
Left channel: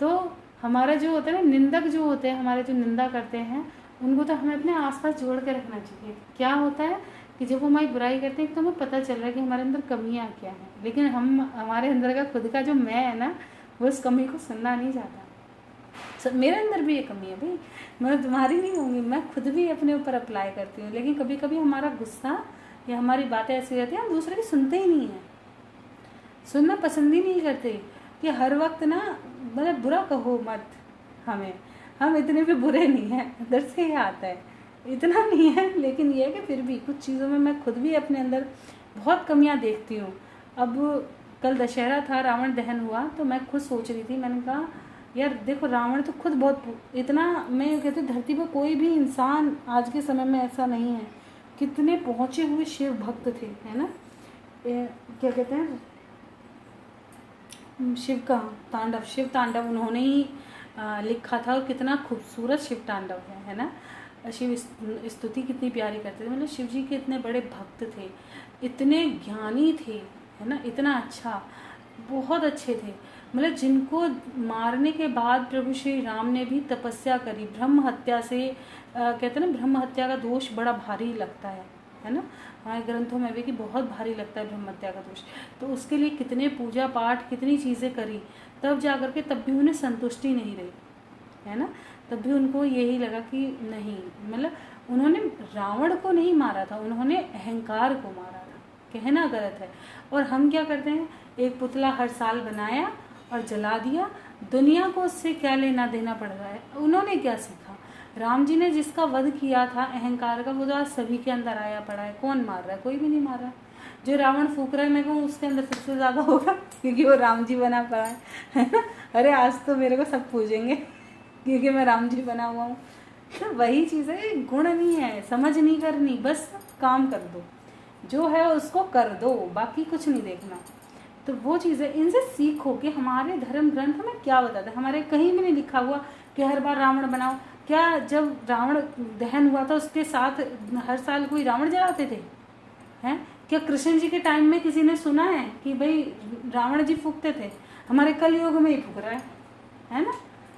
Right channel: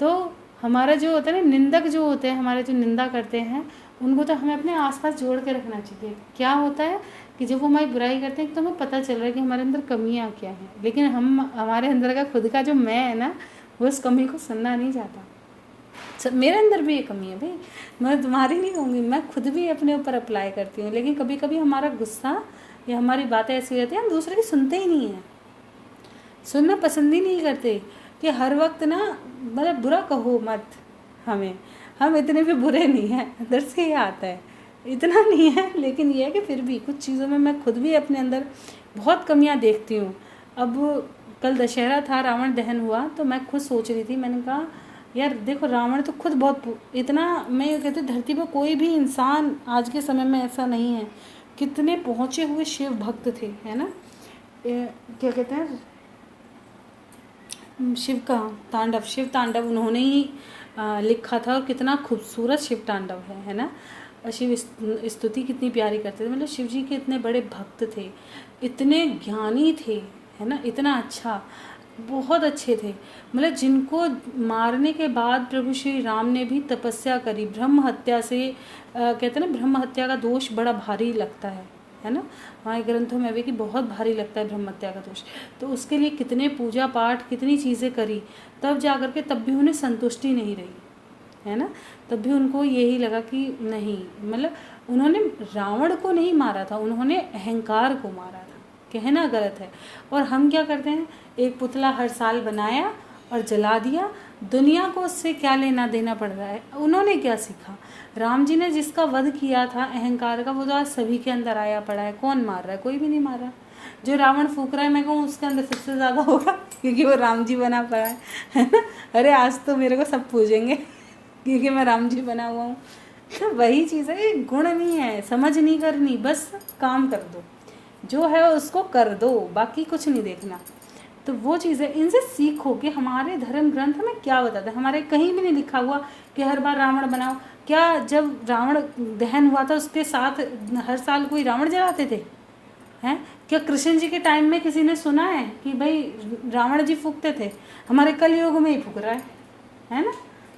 तो हमारा जो होता है ना, निंदक जो होते हैं, हमारे जो निंदा करते हैं, उनको तो हमें अपने आसपास जोड़ के रखना चाहिए। क्या होता है कि जब वो हमारी बुराई करते हैं तो हमें पता चल रहा है कि हमारे अंदर कमियां क्या हैं, लेकिन हमारे अंदर का खुद का जो मैं है ना, वो उस कमी को सुनना नहीं चाहता। मेरे अंदर भी ये कमी है भाई, मैं तुम्हारी नहीं होंगी, मैं खुद भी अपने ऊपर अप्लाई करती हूँ, लेकिन कभी कभी हमारा गुस्सा या हमारी बातें ऐसी रहती हैं हम दूसरे की सुनते ही नहीं हैं, सुनना पसंद ही नहीं करते। कि हर वक्त ना मतलब बुरा कहो मत हमें, हम इतने भी बुरे नहीं हैं, अंदर से ये आता है, इतना नहीं है, लेकिन ये है कि फिर भी कुछ चीज़ों में मैं खुद भी अपने अंदर बहुत कमियां देखती हूँ। अब कल दशहरा था, रावण दहन हुआ, तो मैं खुद सोच रही थी, मैंने कहा यार देखो रावण तो खुद बहुत इतना, मैं ये कहती हूँ धरती पर कोई भी इंसान आज के समय में ऐसा नहीं है, कितने पहुँचे हुए शिव भक्त थे, है ना। क्या कहते हैं, शिव का तांडव, शिव तांडव उन्होंने ही लिखा था, और कितना खूबसूरत शिव तांडव है ना। शिव स्तुति कितनी प्यारी करते थे, मतलब शिव जी के इतने बड़े भक्त थे, इतने ज्ञानी थे, है ना, इतना अच्छा, बहुत अच्छे थे, मतलब जिनको मारने के बाद प्रभु श्री राम ने भी तपस्या करी, ब्रह्म हत्या से कहते हैं ना, ब्रह्म हत्या का दोष बड़ा भारी लगता है ना, हमारे ग्रंथों में भी कि बहुत भारी लगता है ब्रह्म हत्या का दोष। तो उसके लिए कितने पूजा पाठ कितनी चीज़ें करी, तब जा कर के तब भी उन्हें संतुष्टि नहीं रही, है ना। तब भी उनको यही लगा कि नहीं, मतलब उन्होंने रावण को नहीं मारा था, उन्होंने अहंकार को मारा था, कहना गलत है। और हम क्या करते हैं, एक पुतला हर साल बनाया और जला दिया, दुनिया को उससे क्या लेना देना पड़ रहा है। उन्होंने क्या सीखा, राम जी ने जिसका वध किया था अहंकार का, वो तो आज सभी के अंदर आया पड़ा है, कौन मार रहा है, कोई भी नहीं मार रहा। जो रावण फूक रहा है मैं कहूँ उसके अंदर सबसे ज़्यादा होगा, क्योंकि वो राम जी बना पड़ा है ना। अरे आज तो मेरे को सब पूजेंगे क्योंकि मैं राम जी बना हुआ हूँ। तो वही चीज़ है, गुण नहीं है, समझ नहीं करनी, बस काम कर दो, जो है उसको कर दो, बाकी कुछ नहीं देखना। तो वो चीज़ है, इनसे सीखो कि हमारे धर्म ग्रंथ हमें क्या बताता है। हमारे कहीं भी नहीं लिखा हुआ कि हर बार रावण बनाओ। क्या जब रावण दहन हुआ था उसके साथ हर साल कोई रावण जलाते थे, हैं? क्या कृष्ण जी के टाइम में किसी ने सुना है कि भाई रावण जी फूकते थे? हमारे कलयुग में ही फूक रहा है ना।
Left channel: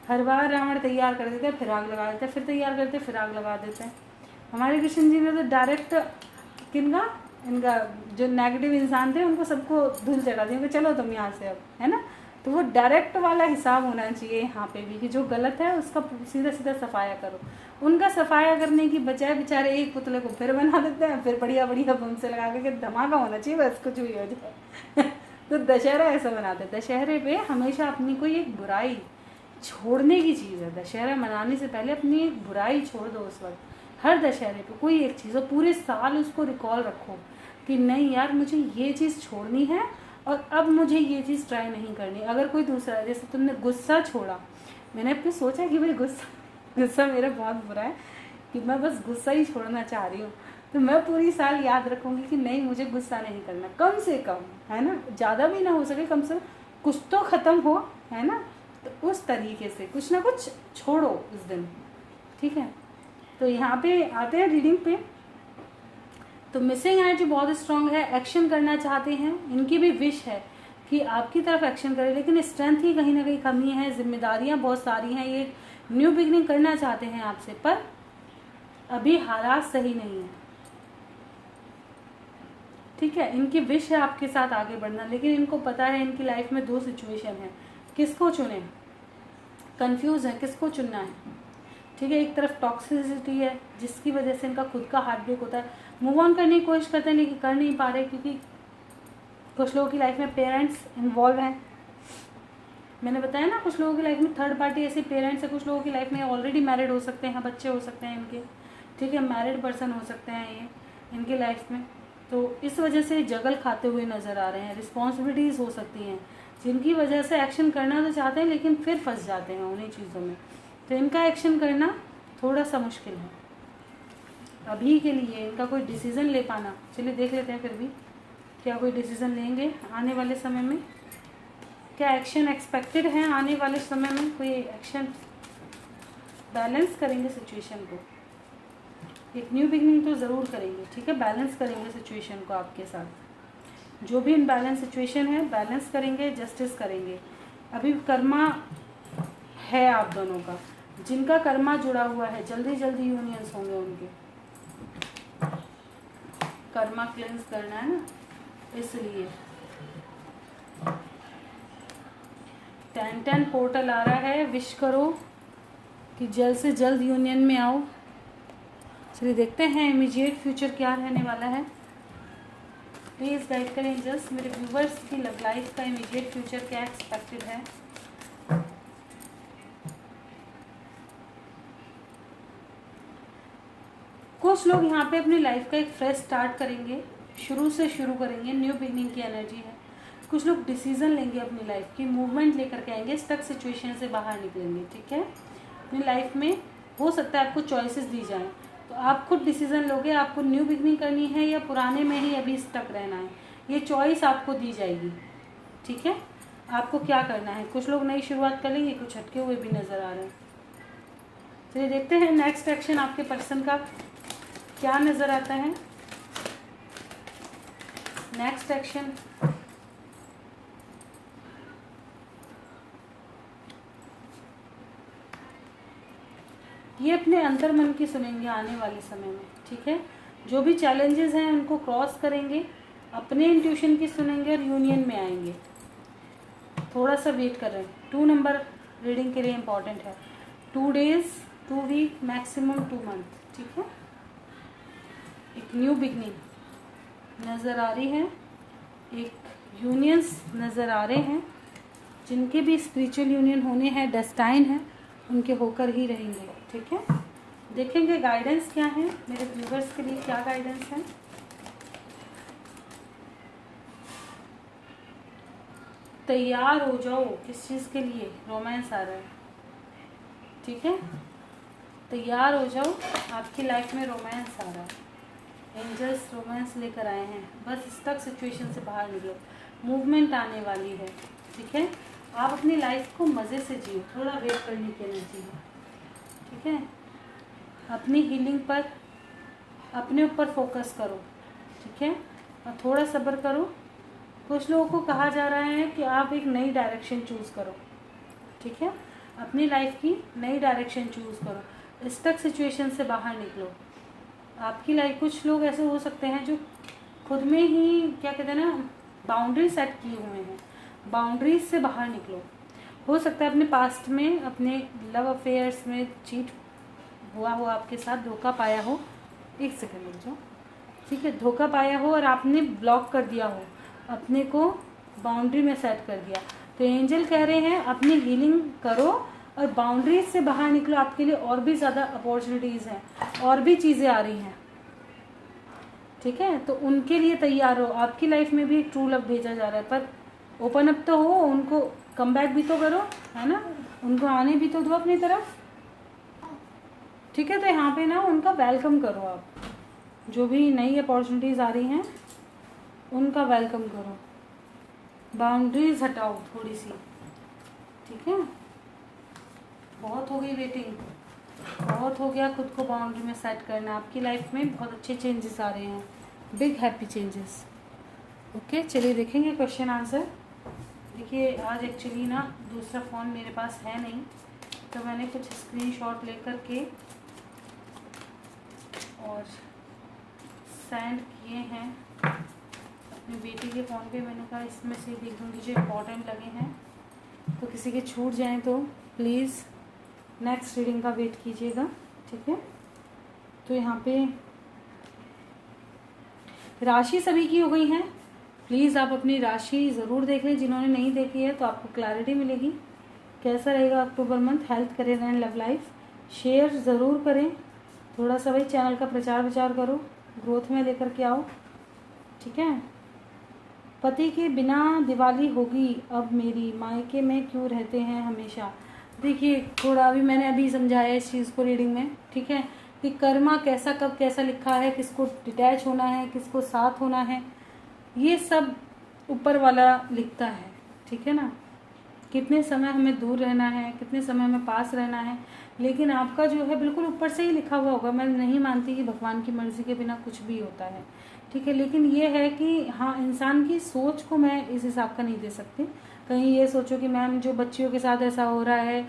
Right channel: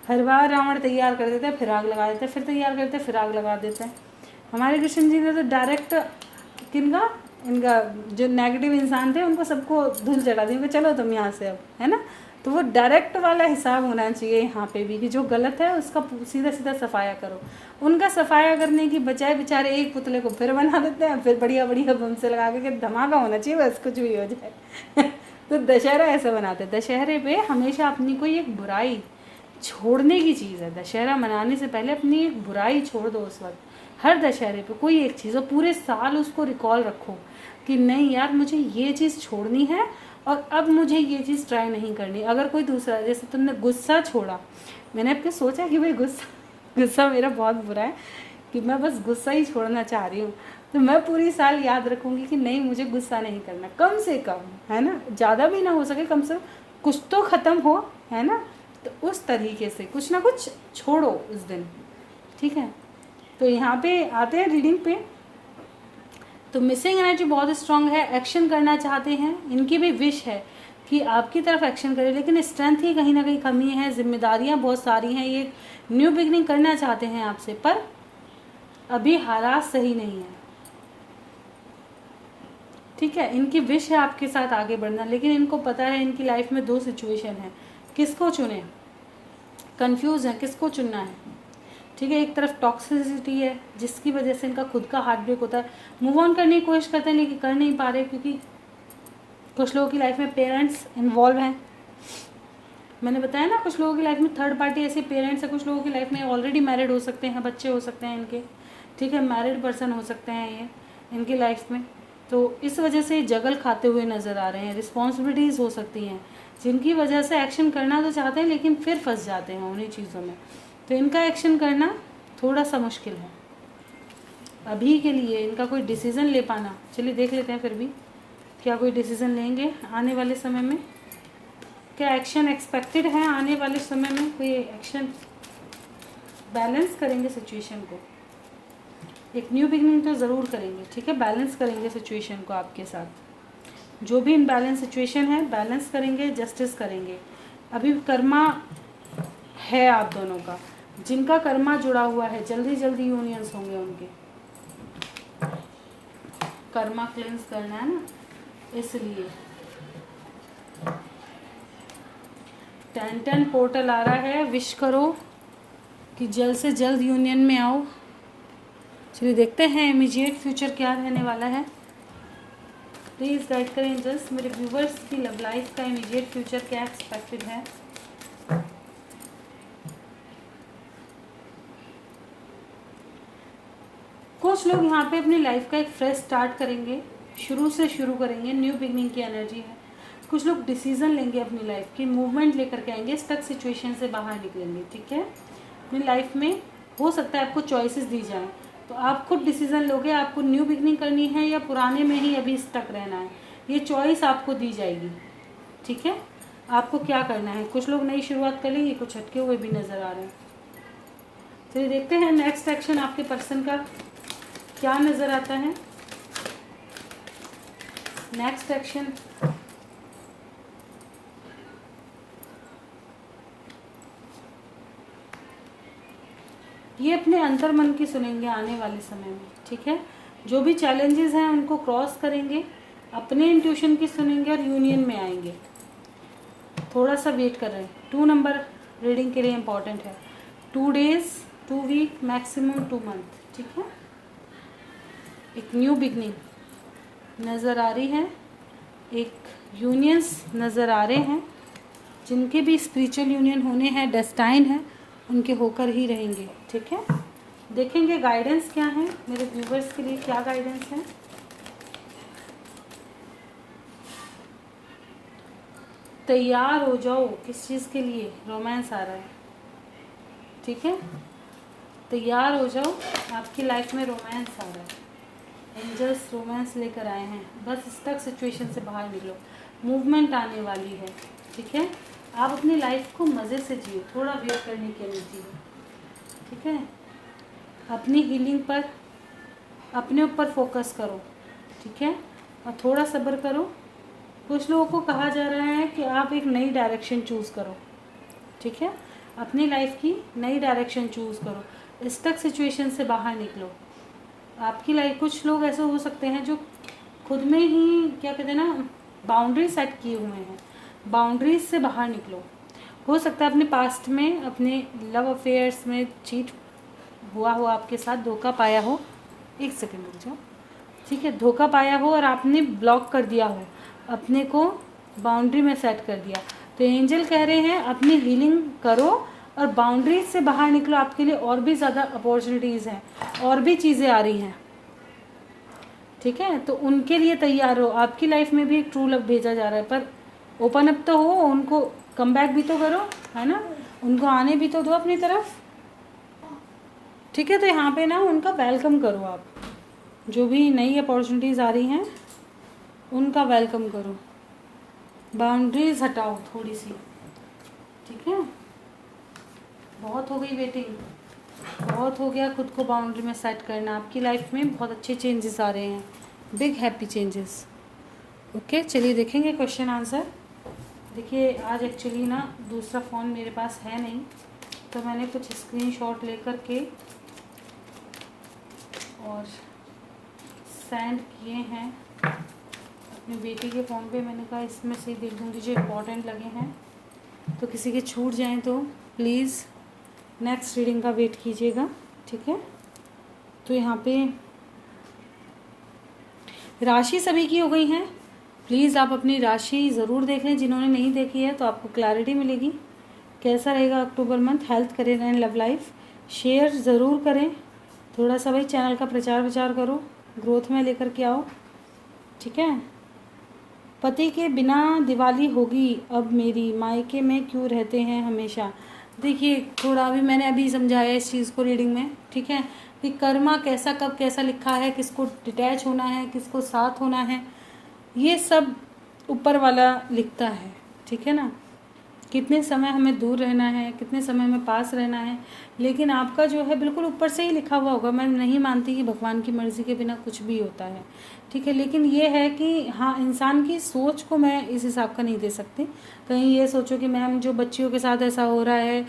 हर बार रावण तैयार कर देते, फिर आग लगा देते, फिर तैयार करते, फिर आग लगा देते हैं। हमारे कृष्ण जी ने तो डायरेक्ट किनका, इनका जो नेगेटिव इंसान थे उनको सबको धूल चढ़ा दी, चलो तुम यहाँ से अब, है ना। तो वो डायरेक्ट वाला हिसाब होना चाहिए यहाँ पे भी, कि जो गलत है उसका सीधा सीधा सफाया करो। उनका सफाया करने की बजाय बेचारे एक पुतले को फिर बना देते हैं, फिर बढ़िया बढ़िया बम से लगा के धमाका होना चाहिए, बस कुछ भी हो जाए। तो दशहरा ऐसा बनाते हैं। दशहरे पे हमेशा अपनी कोई एक बुराई छोड़ने की चीज़ है। दशहरा मनाने से पहले अपनी एक बुराई छोड़ दो उस वक्त। हर दशहरे पे कोई एक चीज़, और पूरे साल उसको रिकॉल रखो कि नहीं यार मुझे ये चीज़ छोड़नी है और अब मुझे ये चीज़ ट्राई नहीं करनी। अगर कोई दूसरा, जैसे तुमने गुस्सा छोड़ा, मैंने अपने सोचा कि भाई गुस्सा मेरा बहुत बुरा है, कि मैं बस गुस्सा ही छोड़ना चाह रही हूँ, तो मैं पूरी साल याद रखूँगी कि नहीं मुझे गुस्सा नहीं करना, कम से कम, है ना, ज़्यादा भी ना हो सके, कम से कम कुछ तो ख़त्म हो, है ना। तो उस तरीके से कुछ ना कुछ छोड़ो उस दिन, ठीक है। तो यहाँ पे आते हैं रीडिंग पे तो मिसिंग एनर्जी बहुत स्ट्रांग है, एक्शन करना चाहते हैं, इनकी भी विश है कि आपकी तरफ एक्शन करें, लेकिन स्ट्रेंथ की कहीं ना कहीं कमी है, जिम्मेदारियां बहुत सारी हैं, ये न्यू बिगनिंग करना चाहते हैं आपसे, पर अभी हालात सही नहीं है। ठीक है, इनकी विश है आपके साथ आगे बढ़ना, लेकिन इनको पता है इनकी लाइफ में 2 सिचुएशन है, किसको चुने, कंफ्यूज है किसको चुनना है। ठीक है, एक तरफ टॉक्सिसिटी है जिसकी वजह से इनका खुद का हार्ट ब्रेक होता है, मूव ऑन करने की कोशिश करते हैं लेकिन कर नहीं पा रहे, क्योंकि कुछ लोगों की लाइफ में पेरेंट्स इन्वॉल्व हैं। मैंने बताया ना, कुछ लोगों की लाइफ में थर्ड पार्टी ऐसे पेरेंट्स है, कुछ लोगों की लाइफ में ऑलरेडी मैरिड हो सकते हैं, बच्चे हो सकते हैं इनके। ठीक है, मैरिड पर्सन हो सकते हैं ये इनकी लाइफ में, तो इस वजह से जगल खाते हुए नज़र आ रहे हैं। रिस्पॉन्सिबिलिटीज़ हो सकती हैं जिनकी वजह से एक्शन करना तो चाहते हैं लेकिन फिर फंस जाते हैं उन्हीं चीज़ों में, तो इनका एक्शन करना थोड़ा सा मुश्किल है अभी के लिए, इनका कोई डिसीज़न ले पाना। चलिए देख लेते हैं फिर भी क्या कोई डिसीज़न लेंगे आने वाले समय में, क्या एक्शन एक्सपेक्टेड है आने वाले समय में, कोई एक्शन बैलेंस करेंगे सिचुएशन को, एक न्यू बिगनिंग तो ज़रूर करेंगे। ठीक है, बैलेंस करेंगे सिचुएशन को आपके साथ, जो भी इनबैलेंस सिचुएशन है बैलेंस करेंगे, जस्टिस करेंगे। अभी कर्मा है आप दोनों का, जिनका कर्मा जुड़ा हुआ है जल्दी जल्दी यूनियंस होंगे उनके, कर्मा क्लेंस करना है ना, इसलिए 10-10 पोर्टल आ रहा है। विश करो कि जल्द से जल्द यूनियन में आओ। चलिए देखते हैं इमीडिएट फ्यूचर क्या रहने वाला है। प्लीज़ गाइड करें एंजल्स, मेरे व्यूवर्स की लव लाइफ का इमीडिएट फ्यूचर क्या एक्सपेक्टेड है। कुछ लोग यहाँ पे अपनी लाइफ का एक फ्रेश स्टार्ट करेंगे, शुरू से शुरू करेंगे, न्यू बिगनिंग की एनर्जी है। कुछ लोग डिसीजन लेंगे अपनी लाइफ की, मूवमेंट लेकर के आएंगे, स्टक सिचुएशन से बाहर निकलेंगे। ठीक है, अपनी लाइफ में हो सकता है आपको चॉइसेस दी जाएं, तो आप खुद डिसीजन लोगे आपको न्यू बिगनिंग करनी है या पुराने में ही अभी स्टक रहना है, ये चॉइस आपको दी जाएगी। ठीक है, आपको क्या करना है। कुछ लोग नई शुरुआत कर लेंगे, कुछ हटके हुए भी नज़र आ रहे हैं। चलिए देखते हैं नेक्स्ट एक्शन आपके पर्सन का क्या नज़र आता है। नेक्स्ट एक्शन, ये अपने अंतर मन की सुनेंगे आने वाले समय में। ठीक है, जो भी चैलेंजेस हैं उनको क्रॉस करेंगे, अपने इंट्यूशन की सुनेंगे और यूनियन में आएंगे। थोड़ा सा वेट कर रहे हैं, 2 नंबर रीडिंग के लिए इम्पॉर्टेंट है। 2 डेज, 2 वीक, मैक्सिमम 2 मंथ। ठीक है, एक न्यू बिगनिंग नज़र आ रही है, एक यूनियंस नज़र आ रहे हैं, जिनके भी स्पिरिचुअल यूनियन होने हैं, डेस्टाइन है, उनके होकर ही रहेंगे। ठीक है, देखेंगे गाइडेंस क्या है मेरे व्यूवर्स के लिए, क्या गाइडेंस है। तैयार हो जाओ, किस चीज़ के लिए, रोमांस आ रहा है। ठीक है, तैयार हो जाओ, आपकी लाइफ में रोमांस आ रहा है, एंजल्स रोमांस लेकर आए हैं। बस स्टक सिचुएशन से बाहर निकलो, मूवमेंट आने वाली है। ठीक है, आप अपनी लाइफ को मज़े से जियो, थोड़ा वेट करने की एनर्जी है। ठीक है, अपनी हीलिंग पर, अपने ऊपर फोकस करो। ठीक है, और थोड़ा सब्र करो। कुछ लोगों को कहा जा रहा है कि आप एक नई डायरेक्शन चूज़ करो। ठीक है, अपनी लाइफ की नई डायरेक्शन चूज़ करो, स्टक सिचुएशन से बाहर निकलो। आपकी लाइफ, कुछ लोग ऐसे हो सकते हैं जो खुद में ही क्या कहते हैं ना, बाउंड्री सेट किए हुए हैं, बाउंड्रीज से बाहर निकलो। हो सकता है अपने पास्ट में, अपने लव अफेयर्स में चीट हुआ हो, आपके साथ धोखा पाया हो। एक सेकंड रुक जाओ। ठीक है, धोखा पाया हो और आपने ब्लॉक कर दिया हो, अपने को बाउंड्री में सेट कर दिया, तो एंजल कह रहे हैं अपनी हीलिंग करो और बाउंड्रीज से बाहर निकलो। आपके लिए और भी ज़्यादा अपॉर्चुनिटीज़ हैं, और भी चीज़ें आ रही हैं। ठीक है, तो उनके लिए तैयार हो। आपकी लाइफ में भी एक ट्रू लव भेजा जा रहा है, पर ओपन अप तो हो, उनको कम बैक भी तो करो, है ना, उनको आने भी तो दो अपनी तरफ। ठीक है, तो यहाँ पे ना उनका वेलकम करो आप, जो भी नई अपॉर्चुनिटीज़ आ रही हैं उनका वेलकम करो, बाउंड्रीज हटाओ थोड़ी सी। ठीक है, बहुत हो गई वेटिंग, बहुत हो गया खुद को बाउंड्री में सेट करना। आपकी लाइफ में बहुत अच्छे चेंजेस आ रहे हैं, बिग हैप्पी चेंजेस। ओके, चलिए देखेंगे क्वेश्चन आंसर। देखिए आज एक्चुअली ना दूसरा फ़ोन मेरे पास है नहीं, तो मैंने कुछ स्क्रीनशॉट लेकर के और सेंड किए हैं अपनी बेटी के फ़ोन पे। मैंने कहा इसमें से देख लूँगी जो इम्पोर्टेंट लगे हैं, तो किसी के छूट जाएं तो प्लीज़ नेक्स्ट रीडिंग का वेट कीजिएगा, ठीक है। तो यहाँ पे राशि सभी की हो गई हैं। प्लीज़ आप अपनी राशि ज़रूर देख लें, जिन्होंने नहीं देखी है तो आपको क्लैरिटी मिलेगी कैसा रहेगा October month, health, career and love life. Share ज़रूर करें, थोड़ा सा भाई चैनल का प्रचार विचार करो, ग्रोथ में लेकर के आओ, ठीक है। पति के बिना दिवाली होगी अब मेरी, मायके में क्यों रहते हैं हमेशा। देखिए थोड़ा मैंने समझाया इस चीज़ को रीडिंग में, ठीक है, कि कर्मा कैसा कब कैसा लिखा है, किसको डिटैच होना है, किसको साथ होना है, ये सब ऊपर वाला लिखता है, ठीक है ना। कितने समय हमें दूर रहना है, कितने समय में पास रहना है, लेकिन आपका जो है बिल्कुल ऊपर से ही लिखा हुआ होगा। मैं नहीं मानती कि भगवान की मर्ज़ी के बिना कुछ भी होता है, ठीक है, लेकिन ये है कि हाँ, इंसान की सोच को मैं इस हिसाब का नहीं दे सकती। कहीं ये सोचो कि मैम जो बच्चियों के साथ ऐसा हो रहा है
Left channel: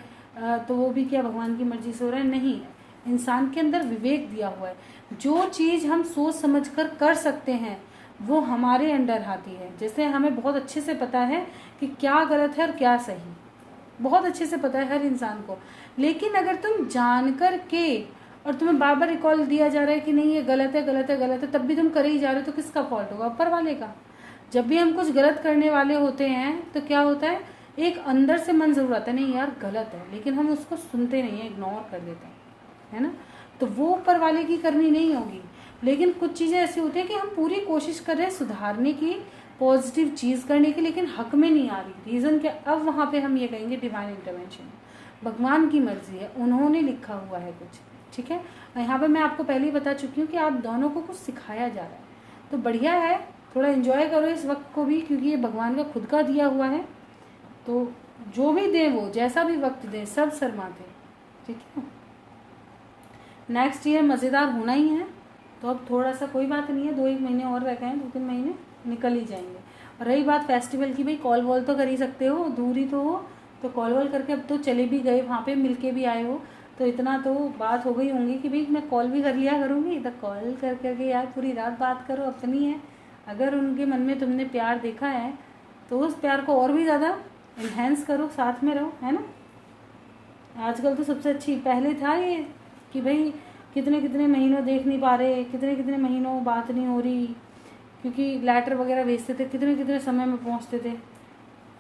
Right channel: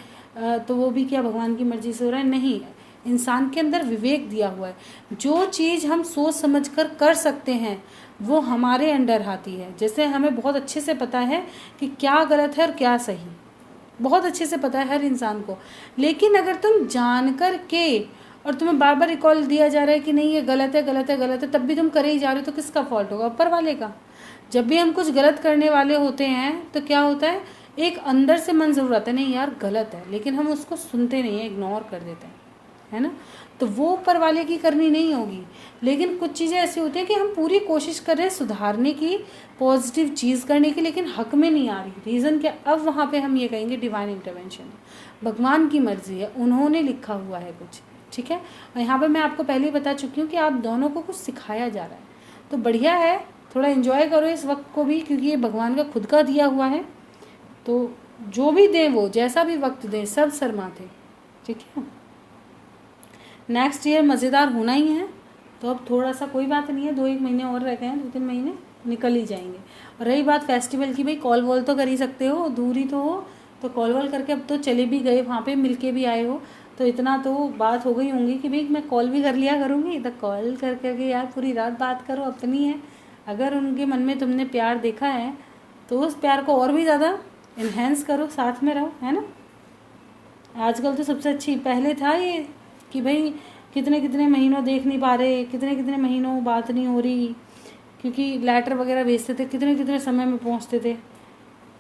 तो वो भी क्या भगवान की मर्ज़ी से हो रहा है, नहीं। इंसान के अंदर विवेक दिया हुआ है, जो चीज़ हम सोच समझ कर सकते हैं वो हमारे अंडर आती है। जैसे हमें बहुत अच्छे से पता है कि क्या गलत है और क्या सही, बहुत अच्छे से पता है हर इंसान को, लेकिन अगर तुम जान कर के और तुम्हें बार बार रिकॉल दिया जा रहा है कि नहीं ये गलत है गलत है गलत है, तब भी तुम करे ही जा रहे हो, तो किसका फॉल्ट होगा, ऊपर वाले का। जब भी हम कुछ गलत करने वाले होते हैं तो क्या होता है, एक अंदर से मन जरूर आता है नहीं यार गलत है, लेकिन हम उसको सुनते नहीं है, इग्नोर कर देते हैं, है ना। तो वो ऊपर वाले की करनी नहीं होगी, लेकिन कुछ चीज़ें ऐसी होती हैं कि हम पूरी कोशिश कर रहे हैं सुधारने की, पॉजिटिव चीज़ करने की, लेकिन हक में नहीं आ रही। रीज़न क्या, अब वहाँ पे हम ये कहेंगे डिवाइन इंटरवेंशन, भगवान की मर्जी है, उन्होंने लिखा हुआ है कुछ, ठीक है। और यहाँ पर मैं आपको पहले ही बता चुकी हूँ कि आप दोनों को कुछ सिखाया जा रहा है, तो बढ़िया है, थोड़ा इन्जॉय करो इस वक्त को भी, क्योंकि ये भगवान का खुद का दिया हुआ है। तो जो भी दें, वो जैसा भी वक्त दें, सब शर्माते, ठीक है। नेक्स्ट ईयर मज़ेदार होना ही है, तो अब थोड़ा सा कोई बात नहीं है, 2-1 महीने और रह गए हैं, 2-3 महीने निकल ही जाएंगे। और रही बात फेस्टिवल की, भाई कॉल वॉल तो कर ही सकते हो, दूर ही तो हो, तो कॉल वॉल करके, अब तो चले भी गए वहाँ पे, मिल के भी आए हो, तो इतना तो बात हो गई होंगी कि भाई मैं कॉल भी कर लिया करूँगी, तो कॉल कर करके यार पूरी रात बात करो, अपनी है। अगर उनके मन में तुमने प्यार देखा है तो उस प्यार को और भी ज़्यादा इन्हेंस करो, साथ में रहो, है ना। आजकल तो सबसे अच्छी, पहले था ये कि भाई कितने कितने महीनों देख नहीं पा रहे, कितने कितने महीनों बात नहीं हो रही, क्योंकि लेटर वगैरह भेजते थे, कितने कितने समय में पहुंचते थे,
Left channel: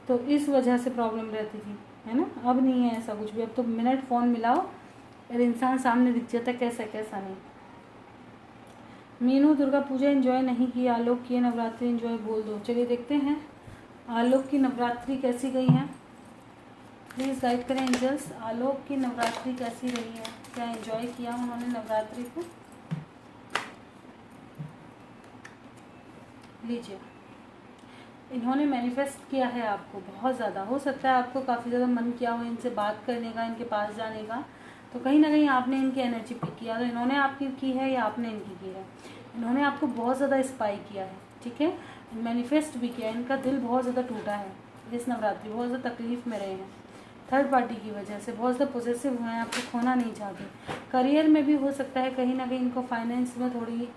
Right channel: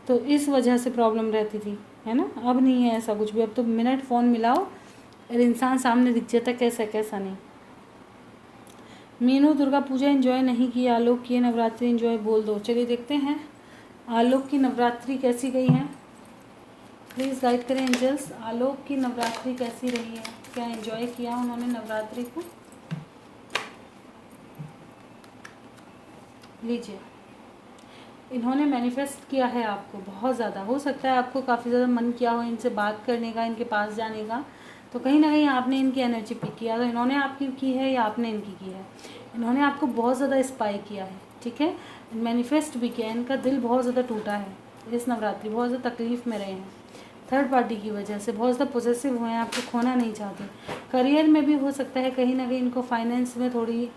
तो इस वजह से प्रॉब्लम रहती थी, है ना। अब नहीं है ऐसा कुछ भी, अब तो मिनट फ़ोन मिलाओ और इंसान सामने दिख जाता, कैसा कैसा नहीं। मीनू दुर्गा पूजा एंजॉय नहीं की, आलोक की नवरात्रि एंजॉय बोल दो। चलिए देखते हैं आलोक की नवरात्रि कैसी गई है, प्लीज़ गाइड करें एंजल्स। आलोक की नवरात्रि कैसी रही है, क्या एंजॉय किया उन्होंने नवरात्रि को। लीजिए, इन्होंने मैनिफेस्ट किया है आपको बहुत ज़्यादा, हो सकता है आपको काफ़ी ज़्यादा मन किया हो इनसे बात करने का, इनके पास जाने का, तो कहीं ना कहीं आपने इनकी एनर्जी पिक किया, तो इन्होंने आपकी की है या आपने इनकी की है। इन्होंने आपको बहुत ज़्यादा स्पाई किया है, ठीक है, मैनिफेस्ट भी किया है, इनका दिल बहुत ज़्यादा टूटा है इस नवरात्रि, बहुत ज़्यादा तकलीफ़ में रहे हैं, थर्ड पार्टी की वजह से बहुत ज़्यादा पॉजिटिव हुए हैं, आपको खोना नहीं चाहते। करियर में भी हो सकता है कहीं ना कहीं इनको फाइनेंस में थोड़ी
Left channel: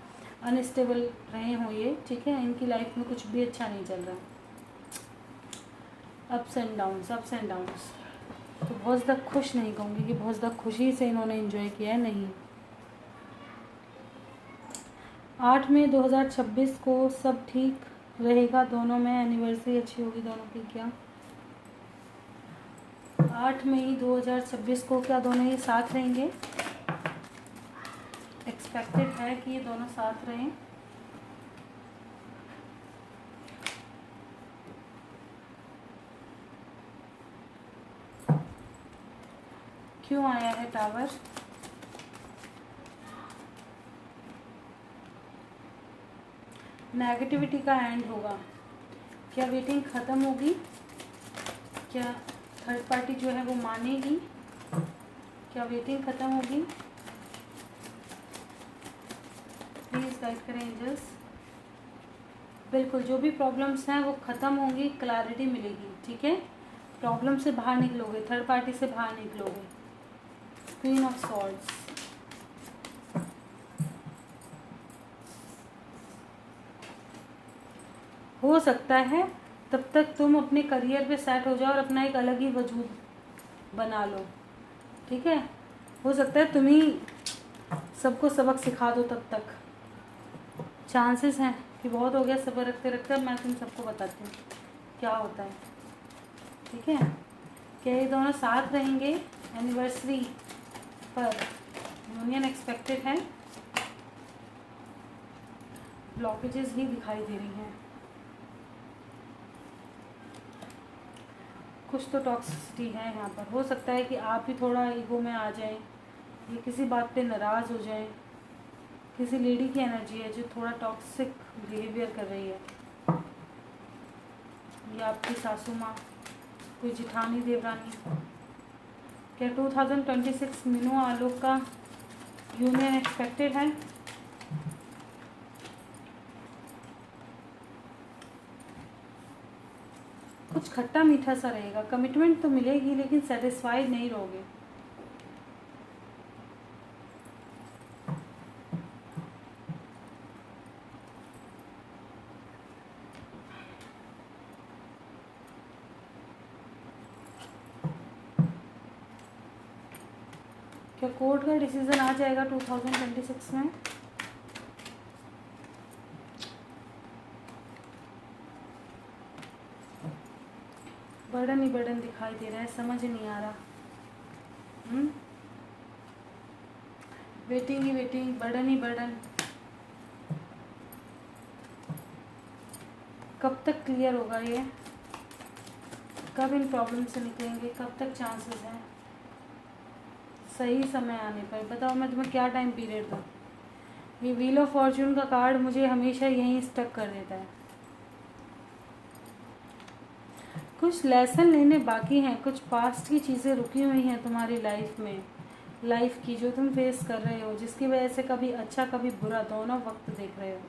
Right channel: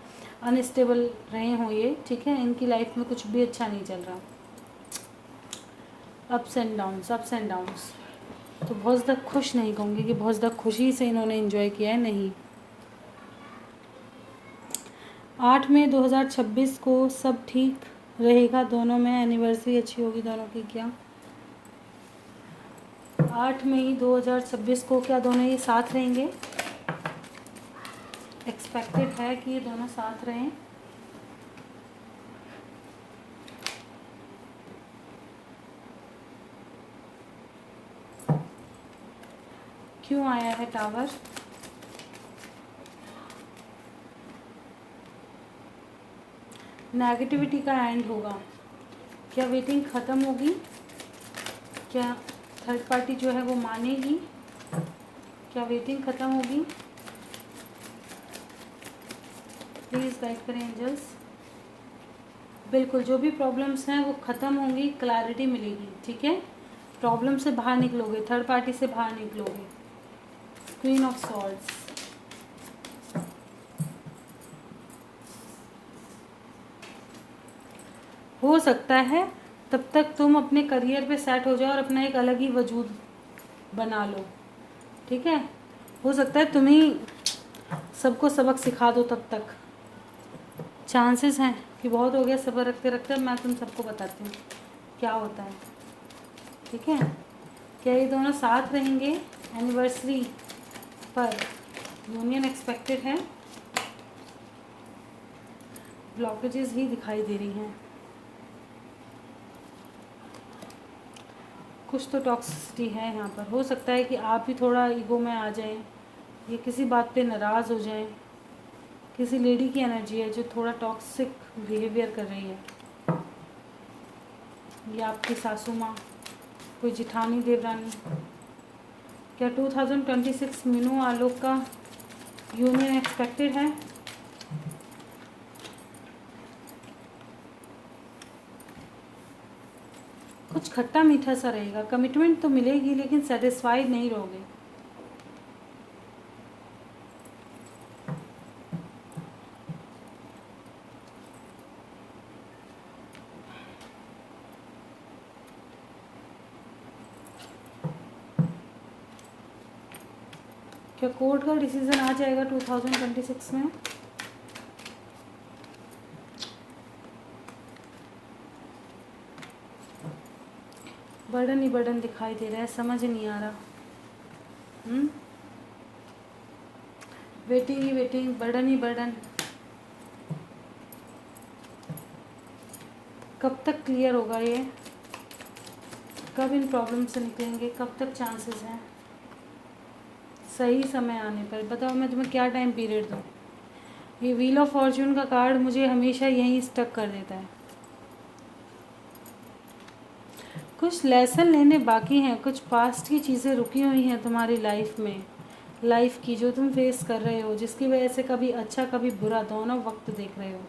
अनस्टेबल रहे हों ये, ठीक है, इनकी लाइफ में कुछ भी अच्छा नहीं चल रहा, ups and downs, ups and downs. तो बहुत ज़्यादा खुश नहीं कहूँगी कि बहुत ज़्यादा खुशी से इन्होंने एंजॉय किया है, नहीं। 8 मई 2026 को सब ठीक रहेगा, दोनों में एनिवर्सरी अच्छी होगी दोनों की क्या। 8 मई 2026 को क्या दोनों ये साथ रहेंगे, एक्सपेक्टेड है कि ये दोनों साथ रहें। क्यों आया है टावर, नेगेटिविटी का एंड होगा, क्या वेटिंग ख़त्म होगी, क्या थर्ड पार्टी जो है वो मानेगी, क्या वेटिंग ख़त्म होगी, प्लीज़ गाइड करें एंजल्स। बिल्कुल, जो भी प्रॉब्लम्स हैं वो ख़त्म होंगी, क्लैरिटी मिलेगी, ठीक है। प्रॉब्लम से बाहर निकलोगे, थर्ड पार्टी से बाहर निकलोगे। क्वीन ऑफ सॉर्ड्स, हो सकता है तब तक तुम अपने करियर पे सेट हो जाओ और अपना एक अलग ही वजूद बना लो, ठीक है। हो सकता है तुम ही सबको सबक सिखा दो तब तक। चांसेस हैं कि बहुत हो गया सब्र रखते रखते, अब मैं तुम सबको बताती हूँ क्या होता है, ठीक है। क्या ये दोनों साथ रहेंगे एनिवर्सरी पर? यूनियन एक्सपेक्टेड है, ब्लॉकेजेस ही दिखाई दे रही हैं। कुछ तो टॉक्सिसिटी है यहाँ पर। हो सकता है कि आप भी थोड़ा ईगो में आ जाए, ये किसी बात पे नाराज़ हो जाए। किसी लेडी की एनर्जी है जो थोड़ा टॉक्सिक बिहेवियर कर रही है। ये आपकी सासू माँ, कोई जिठानी देवरानी। क्या 2026 मीनू आलोक का यूनियन एक्सपेक्टेड है? कुछ खट्टा मीठा सा रहेगा, कमिटमेंट तो मिलेगी लेकिन सेटिस्फाइड नहीं रहोगे। क्या कोर्ट का डिसीजन आ जाएगा 2026 में? बर्डन ही बर्डन दिखाई दे रहा है, समझ नहीं आ रहा। वेटिंग ही वेटिंग, बर्डन ही बर्डन। कब तक क्लियर होगा ये? कब इन प्रॉब्लम से निकलेंगे? कब तक चांसेस हैं? सही समय आने पर बताओ मैं तुम्हें क्या टाइम पीरियड दूँ। ये व्हील ऑफ फॉर्च्यून का कार्ड मुझे हमेशा यहीं स्टक कर देता है। कुछ लेसन लेने बाकी हैं, कुछ पास्ट की चीज़ें रुकी हुई हैं तुम्हारी लाइफ में, लाइफ की जो तुम फेस कर रहे हो, जिसकी वजह से कभी अच्छा कभी बुरा दोनों वक्त देख रहे हो।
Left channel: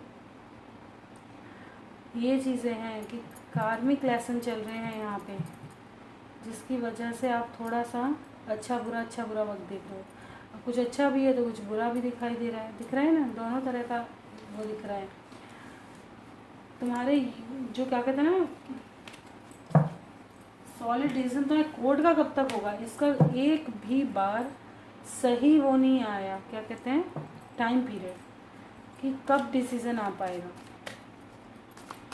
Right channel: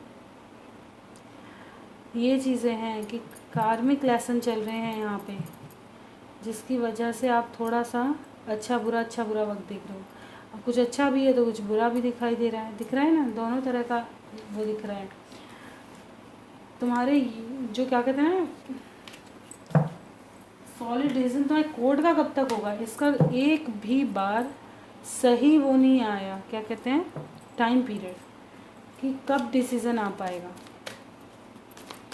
ये चीज़ें हैं कि कार्मिक लेसन चल रहे हैं यहाँ पे, जिसकी वजह से आप थोड़ा सा अच्छा बुरा वक्त देख रहे हो। अब कुछ अच्छा भी है तो कुछ बुरा भी दिखाई दे रहा है, दिख रहा है ना, दोनों तरह का वो दिख रहा है। तुम्हारे जो क्या कहते हैं ना, सॉलिड रीज़न तो है। कोर्ट का कब तक होगा इसका एक भी बार सही वो नहीं आया, क्या कहते हैं टाइम पीरियड, कि कब डिसीज़न आ पाएगा।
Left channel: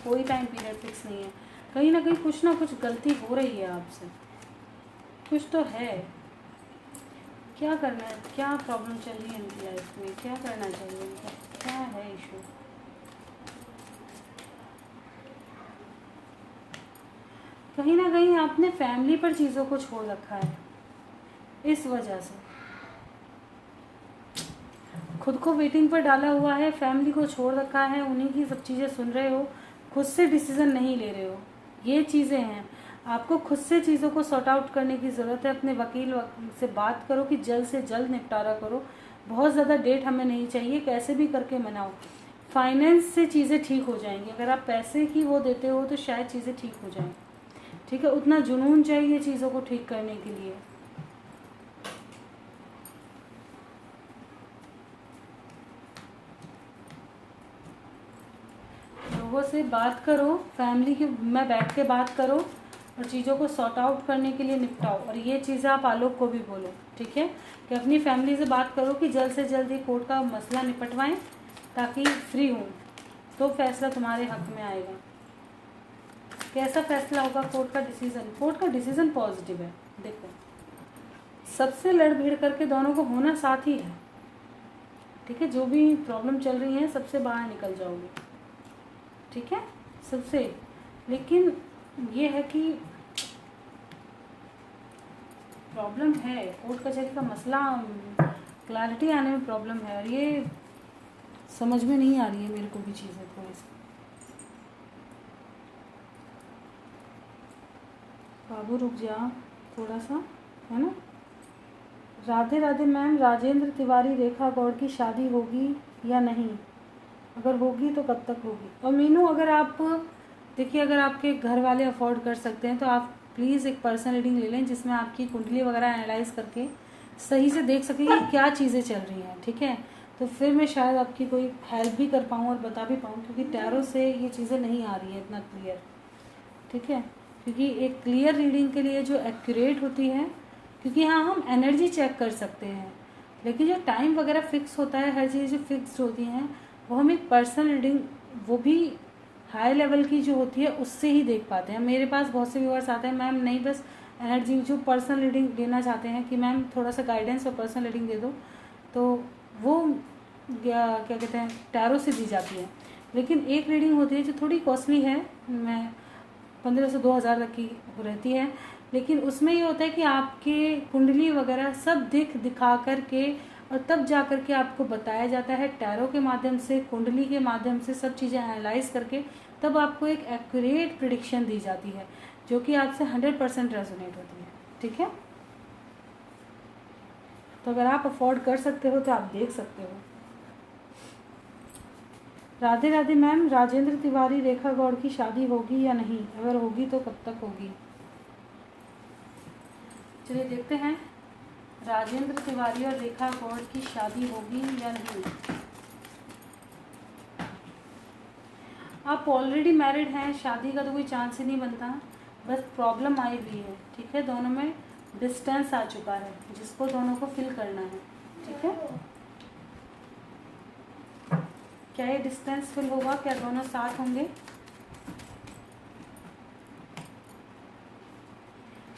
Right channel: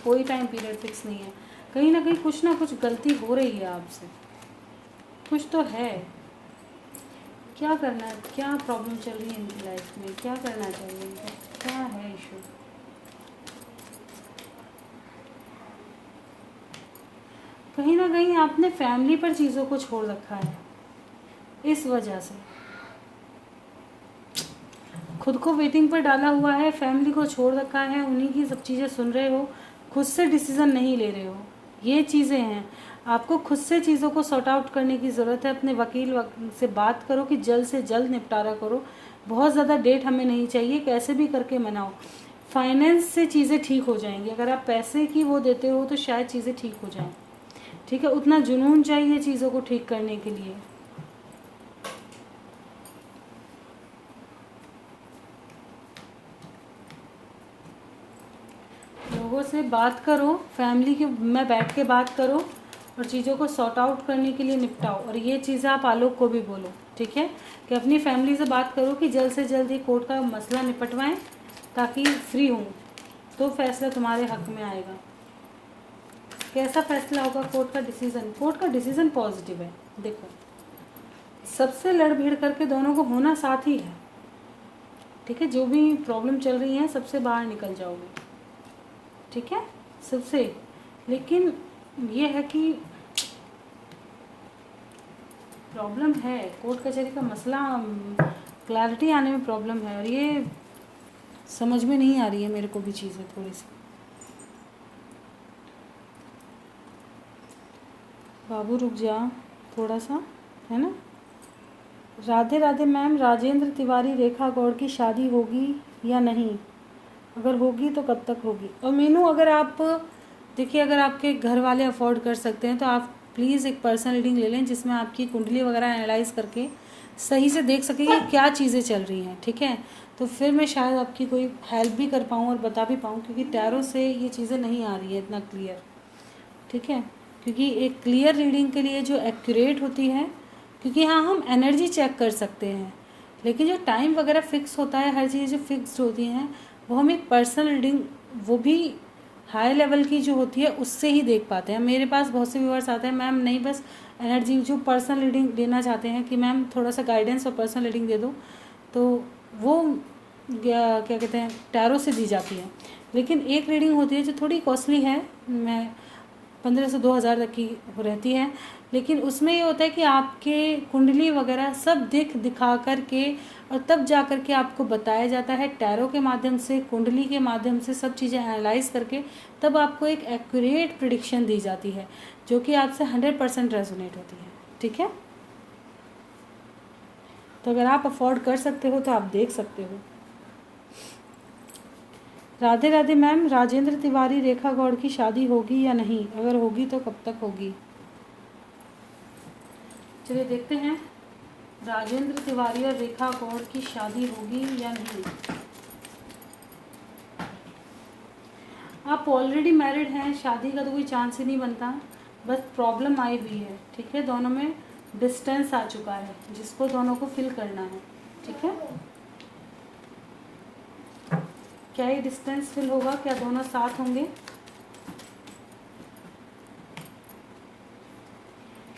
कोई टाइम पीरियड फिक्स नहीं है। कहीं ना कुछ गलती हो रही है आपसे, कुछ तो है। क्या करना है, क्या प्रॉब्लम चल रही है इनकी लाइफ में, क्या करना चाहिए इनको, क्या है इशू? कहीं ना कहीं आपने फैमिली पर चीज़ों को छोड़ रखा है, इस वजह से खुद को वेटिंग पर डाला हुआ है, फैमिली को छोड़ रखा है, उन्हीं की सब चीज़ें सुन रहे हो, खुद से डिसीज़न नहीं ले रहे हो। ये चीज़ें हैं, आपको खुद से चीज़ों को सॉर्ट आउट करने की ज़रूरत है। अपने वकील से बात करो कि जल्द से जल्द निपटारा करो। बहुत ज़्यादा डेट हमें नहीं चाहिए, कैसे भी करके मनाओ। फाइनेंस से चीज़ें ठीक हो जाएंगी, अगर आप पैसे की वो देते हो तो शायद चीज़ें ठीक हो जाएं, ठीक है। उतना जुनून चाहिए चीज़ों को ठीक करने के लिए। लोगों से बात करो, फैमिली के में बैठ के बात करो और चीज़ों को सॉर्ट आउट करने के लिए निपटाओ। और ये चीज़ें आप आलोक को भी बोलो, ठीक है, कि अपनी फैमिली से बात करो कि जल्द से जल्द ये कोर्ट का मसला निपटवाएं ताकि फ्री हूँ, तो फैसला तुम्हारे हक में आएगा। कैसा फैसला होगा? कोर्ट का डिसीज़न, कोर्ट का डिसीज़न पॉजिटिव है। देखो, सबसे लड़ भीड़ करके दोनों को होना साथ ही है, ठीक है। जो भी प्रॉब्लम चल रही है सबसे बाहर निकल जाओगे, ठीक है, सबसे। लेकिन ये है कि प्रॉब्लम है, कोर्ट कचहरी का मसला, क्लैरिटी आने में प्रॉब्लम है, और ये समझ में नहीं आ रही है मेरे को भी चीज़ें थोड़ी सी। बाबू रुक जा थोड़ा सा, है ना। राधे राधे मैम। राजेंद्र तिवारी रेखा गौड़ की शादी होगी या नहीं? अगर होगी तो कब तक होगी। और मीनू, अगर आप देखिए, अगर आपके घर वाले अफोर्ड कर सकते हैं तो आप प्लीज़ एक पर्सनल रीडिंग ले लें, जिसमें आपकी कुंडली वगैरह एनालाइज करके सही से देख सकें कि क्या चीज़ें चल रही हैं, ठीक है। तो फिर मैं शायद आपकी कोई हेल्प भी कर पाऊँ और बता भी पाऊँ, क्योंकि टैरो से ये चीज़ें नहीं आ रही है इतना क्लियर, ठीक है। क्योंकि एक क्लियर रीडिंग के लिए जो एक्यूरेट होती है, क्योंकि हाँ हम एनर्जी चेक कर सकते हैं, लेकिन जो टाइम वगैरह फिक्स होता है, हर चीज़ जो फिक्स्ड होती हैं, वो हम एक पर्सनल रीडिंग, वो भी हाई लेवल की जो होती है, उससे ही देख पाते हैं। मेरे पास बहुत से व्यूअर्स आते हैं, मैम नहीं बस एनर्जी, जो पर्सनल रीडिंग लेना चाहते हैं कि मैम थोड़ा सा गाइडेंस और पर्सनल रीडिंग दे दो, तो वो क्या कहते हैं, टैरो से दी जाती है। लेकिन एक रीडिंग होती है जो थोड़ी कॉस्टली है, मैं 1500 से 2000 तक की रहती है, लेकिन उसमें ये होता है कि आपके कुंडली वगैरह सब दिखा कर के, और तब जा कर के आपको बताया जाता है टैरो के माध्यम से, कुंडली के माध्यम से, सब चीज़ें एनालाइज करके तब आपको एक एक्यूरेट प्रिडिक्शन दी जाती है, जो कि आपसे 100% रेजोनेट होती है, ठीक है। तो अगर आप अफोर्ड कर सकते हो तो आप देख सकते हो। राधे राधे मैम, राजेंद्र तिवारी रेखा गौड़ की शादी होगी या नहीं, अगर होगी तो कब तक होगी। चलिए देखते हैं, राजेंद्र तिवारी और रेखा गौड़ की शादी होगी या नहीं। आप ऑलरेडी मैरिड हैं, शादी का तो कोई चांस ही नहीं बनता, बस प्रॉब्लम आई हुई है, ठीक है। दोनों में डिस्टेंस आ चुका है, जिसको दोनों को फिल करना है, ठीक है। क्या ये डिस्टेंस फिल होगा, क्या दोनों साथ होंगे।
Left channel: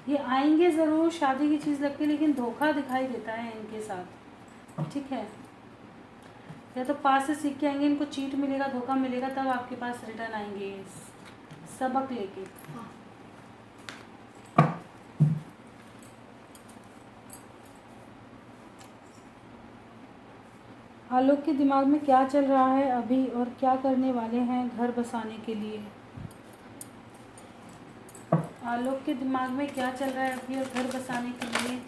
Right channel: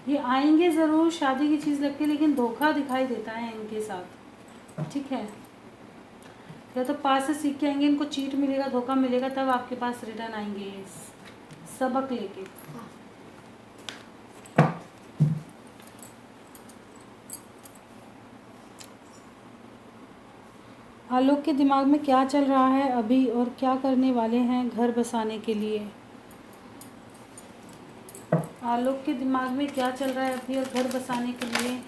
ये आएंगे ज़रूर, शादी की चीज़ लगती है, लेकिन धोखा दिखाई देता है इनके साथ, ठीक है। या तो पास से सीख के आएंगे, इनको चीट मिलेगा, धोखा मिलेगा, तब आपके पास रिटर्न आएंगे सबक लेके। आलोक के दिमाग में क्या चल रहा है अभी, और क्या करने वाले हैं घर बसाने के लिए। आलोक के दिमाग में क्या चल रहा है अभी, और घर बसाने के लिए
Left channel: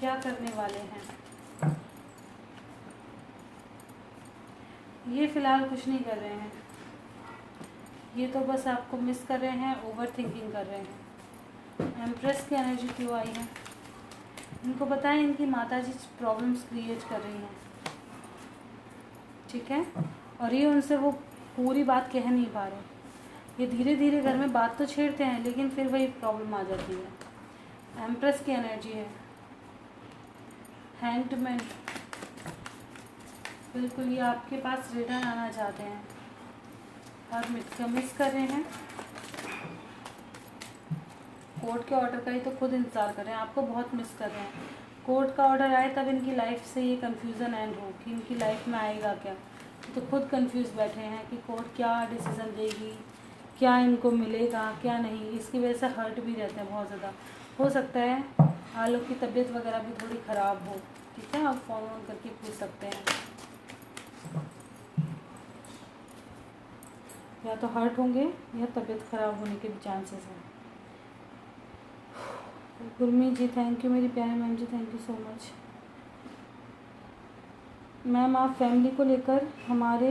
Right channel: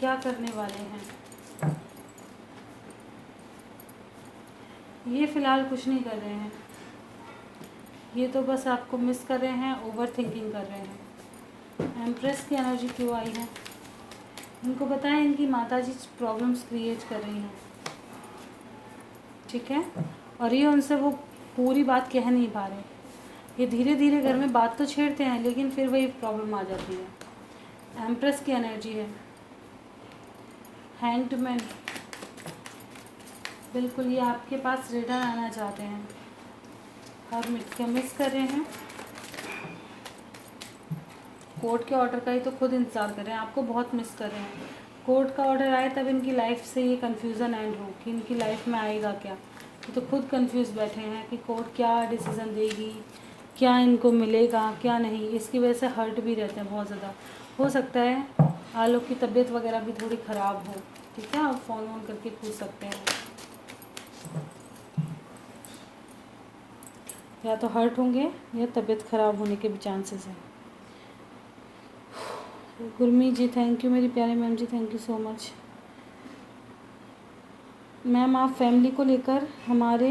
क्या करने वाले हैं। ये फ़िलहाल कुछ नहीं कर रहे हैं, ये तो बस आपको मिस कर रहे हैं, ओवर थिंकिंग कर रहे हैं। एम्प्रेस की एनर्जी क्यों आई है, इनको बताएं इनकी माताजी प्रॉब्लम्स क्रिएट कर रही हैं, ठीक है। और ये उनसे वो पूरी बात कह नहीं पा रहे, ये धीरे धीरे घर में बात तो छेड़ते हैं, लेकिन फिर वही प्रॉब्लम आ जाती है। एम्प्रेस की एनर्जी है, हैंगड, बिल्कुल ये आपके पास रिटर्न आना चाहते हैं, और मिस कर रहे हैं। कोर्ट के ऑर्डर का ही तो खुद इंतज़ार कर रहे हैं, आपको बहुत मिस कर रहे हैं। कोर्ट का ऑर्डर आए तब इनकी लाइफ से ये कन्फ्यूज़न एंड हो कि इनकी लाइफ में आएगा क्या। ये तो खुद कंफ्यूज बैठे हैं कि कोर्ट क्या डिसीज़न देगी, क्या इनको मिलेगा क्या नहीं, इसकी वजह से हर्ट भी रहते हैं बहुत ज़्यादा। हो सकता है आलोक की तबीयत वगैरह भी थोड़ी ख़राब हो, ठीक है। आप फ़ोन वोन करके पूछ सकते हैं, या तो हर्ट होंगे या तबीयत ख़राब होने के भी चांसेस हैं। गुरमीत जी थैंक यू, मेरी प्यारी ma'am ji thank you so much. Ma'am आप फैमिली को लेकर हमारे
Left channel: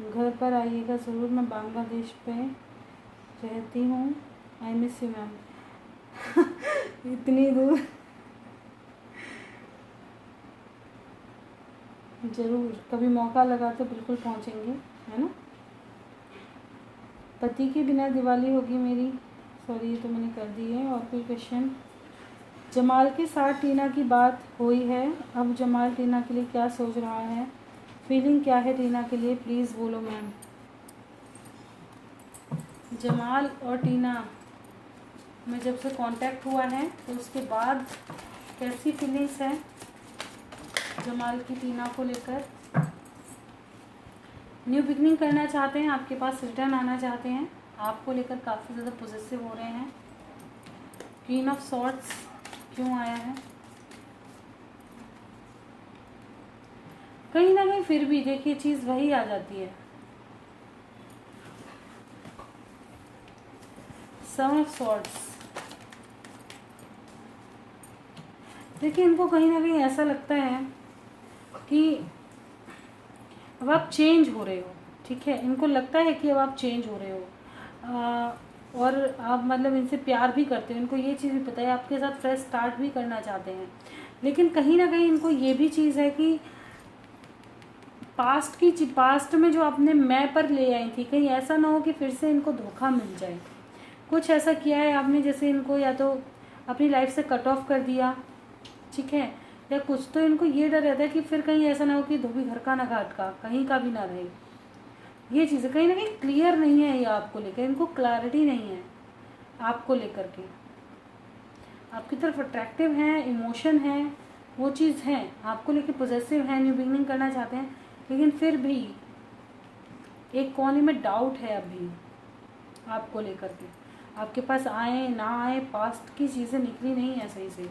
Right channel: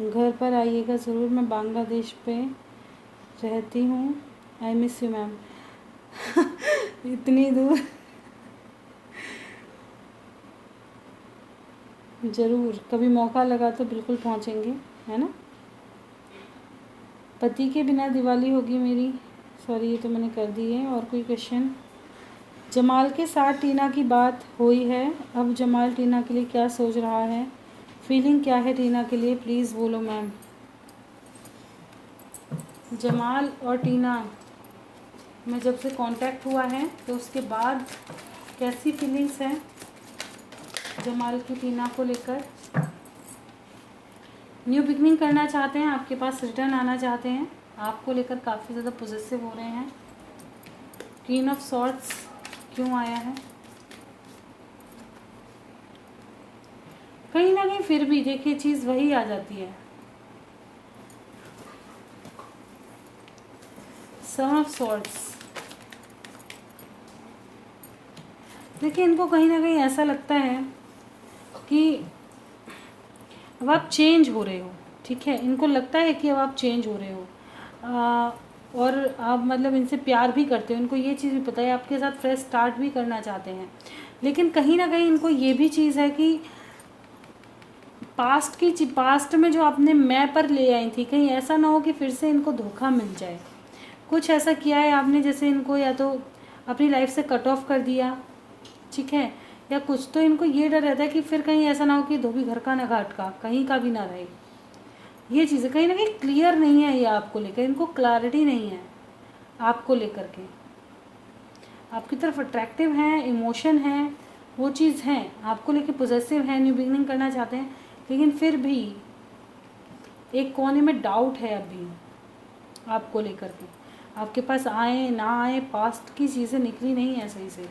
घर पर आइएगा ज़रूर, मैं बांग्लादेश पे रहती हूँ, आई मिस यू मैम। इतनी दूर ज़रूर, कभी मौका लगा तो बिल्कुल पहुँचेंगे, है ना। पति के बिना दिवाली होगी मेरी, सॉरी ये तो मैंने कर दी है। और कोई क्वेश्चन। जमाल के साथ टीना की बात हुई है, अब जमाल टीना के लिए क्या सोच रहा है, फीलिंग क्या है टीना के लिए, प्लीज़ बोलो मैम। जमाल और टीना में जब से कांटेक्ट हुआ है तो उसके बाद कैसी फीलिंग्स हैं जमाल की टीना को लेकर। न्यू बिगनिंग करना चाहते हैं, आपके पास रिटर्न आना चाहते हैं, आपको लेकर काफ़ी ज़्यादा पॉजिटिव हो रहे हैं। क्वीन ऑफ सॉर्ट्स क्यों आया है, कहीं ना कहीं फिर भी देखिए चीज़ वही आ जाती है। सन ऑफ सॉर्ट्स, देखिए इनको कहीं ना कहीं ऐसा लगता है कि अब आप चेंज हो रहे हो, ठीक है, इनको लगता है कि अब आप चेंज हो रहे हो, और आप मतलब इनसे प्यार भी करते हो, इनको ये चीज़ भी पता है, आपके साथ फ्रेश स्टार्ट भी करना चाहते हैं। लेकिन कहीं ना कहीं इनको ये भी चीज़ है कि पास्ट में जो आपने मैं पर ले आई थी, कहीं ऐसा ना हो कि फिर से इनको धोखा मिल जाए। कुछ ऐसा किया है आपने जैसे इनको या तो अपनी लाइफ से कट ऑफ कर दिया, ठीक है, या कुछ तो इनको ये डर रहता है कि फिर कहीं ऐसा ना हो कि धोबी घर का ना घाट का, कहीं का भी ना रहे। ये चीज़ें कहीं ना कहीं क्लियर नहीं है, ये आपको लेकर, इनको क्लैरिटी नहीं है आपको लेकर के। आपकी तरफ अट्रैक्टिव हैं, इमोशन है, वो चीज़ है आपको लेके, पॉजिटिव है, न्यू बिगनिंग करना चाहते हैं, लेकिन फिर भी एक कोने में डाउट है अभी आपको लेकर के। आपके पास आए ना आए, पास्ट की चीज़ें निकली नहीं है सही से।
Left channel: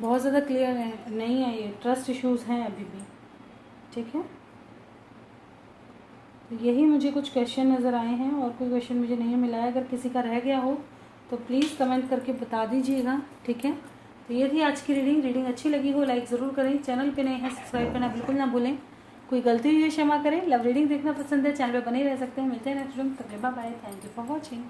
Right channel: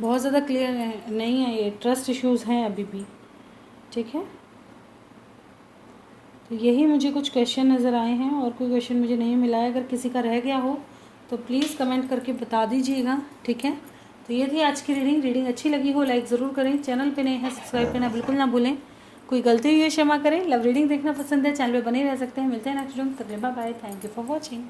बहुत ज़्यादा क्लियर नहीं है, ये ट्रस्ट इश्यूज हैं अभी भी, ठीक है। तो यही मुझे कुछ क्वेश्चन नज़र आए हैं, और कोई क्वेश्चन मुझे नहीं मिला है। अगर किसी का रह गया हो तो प्लीज़ कमेंट करके बता दीजिएगा, ठीक है। तो ये थी आज की रीडिंग अच्छी लगी हो लाइक ज़रूर करें, चैनल पे नए हैं सब्सक्राइब करना बिल्कुल ना भूलें। कोई गलती हुई है क्षमा करें। लव रीडिंग देखना पसंद है, चैनल पे बने रह सकते हैं। मिलते हैं नेक्स्ट वीडियो में, तब तक bye bye, thank you for watching.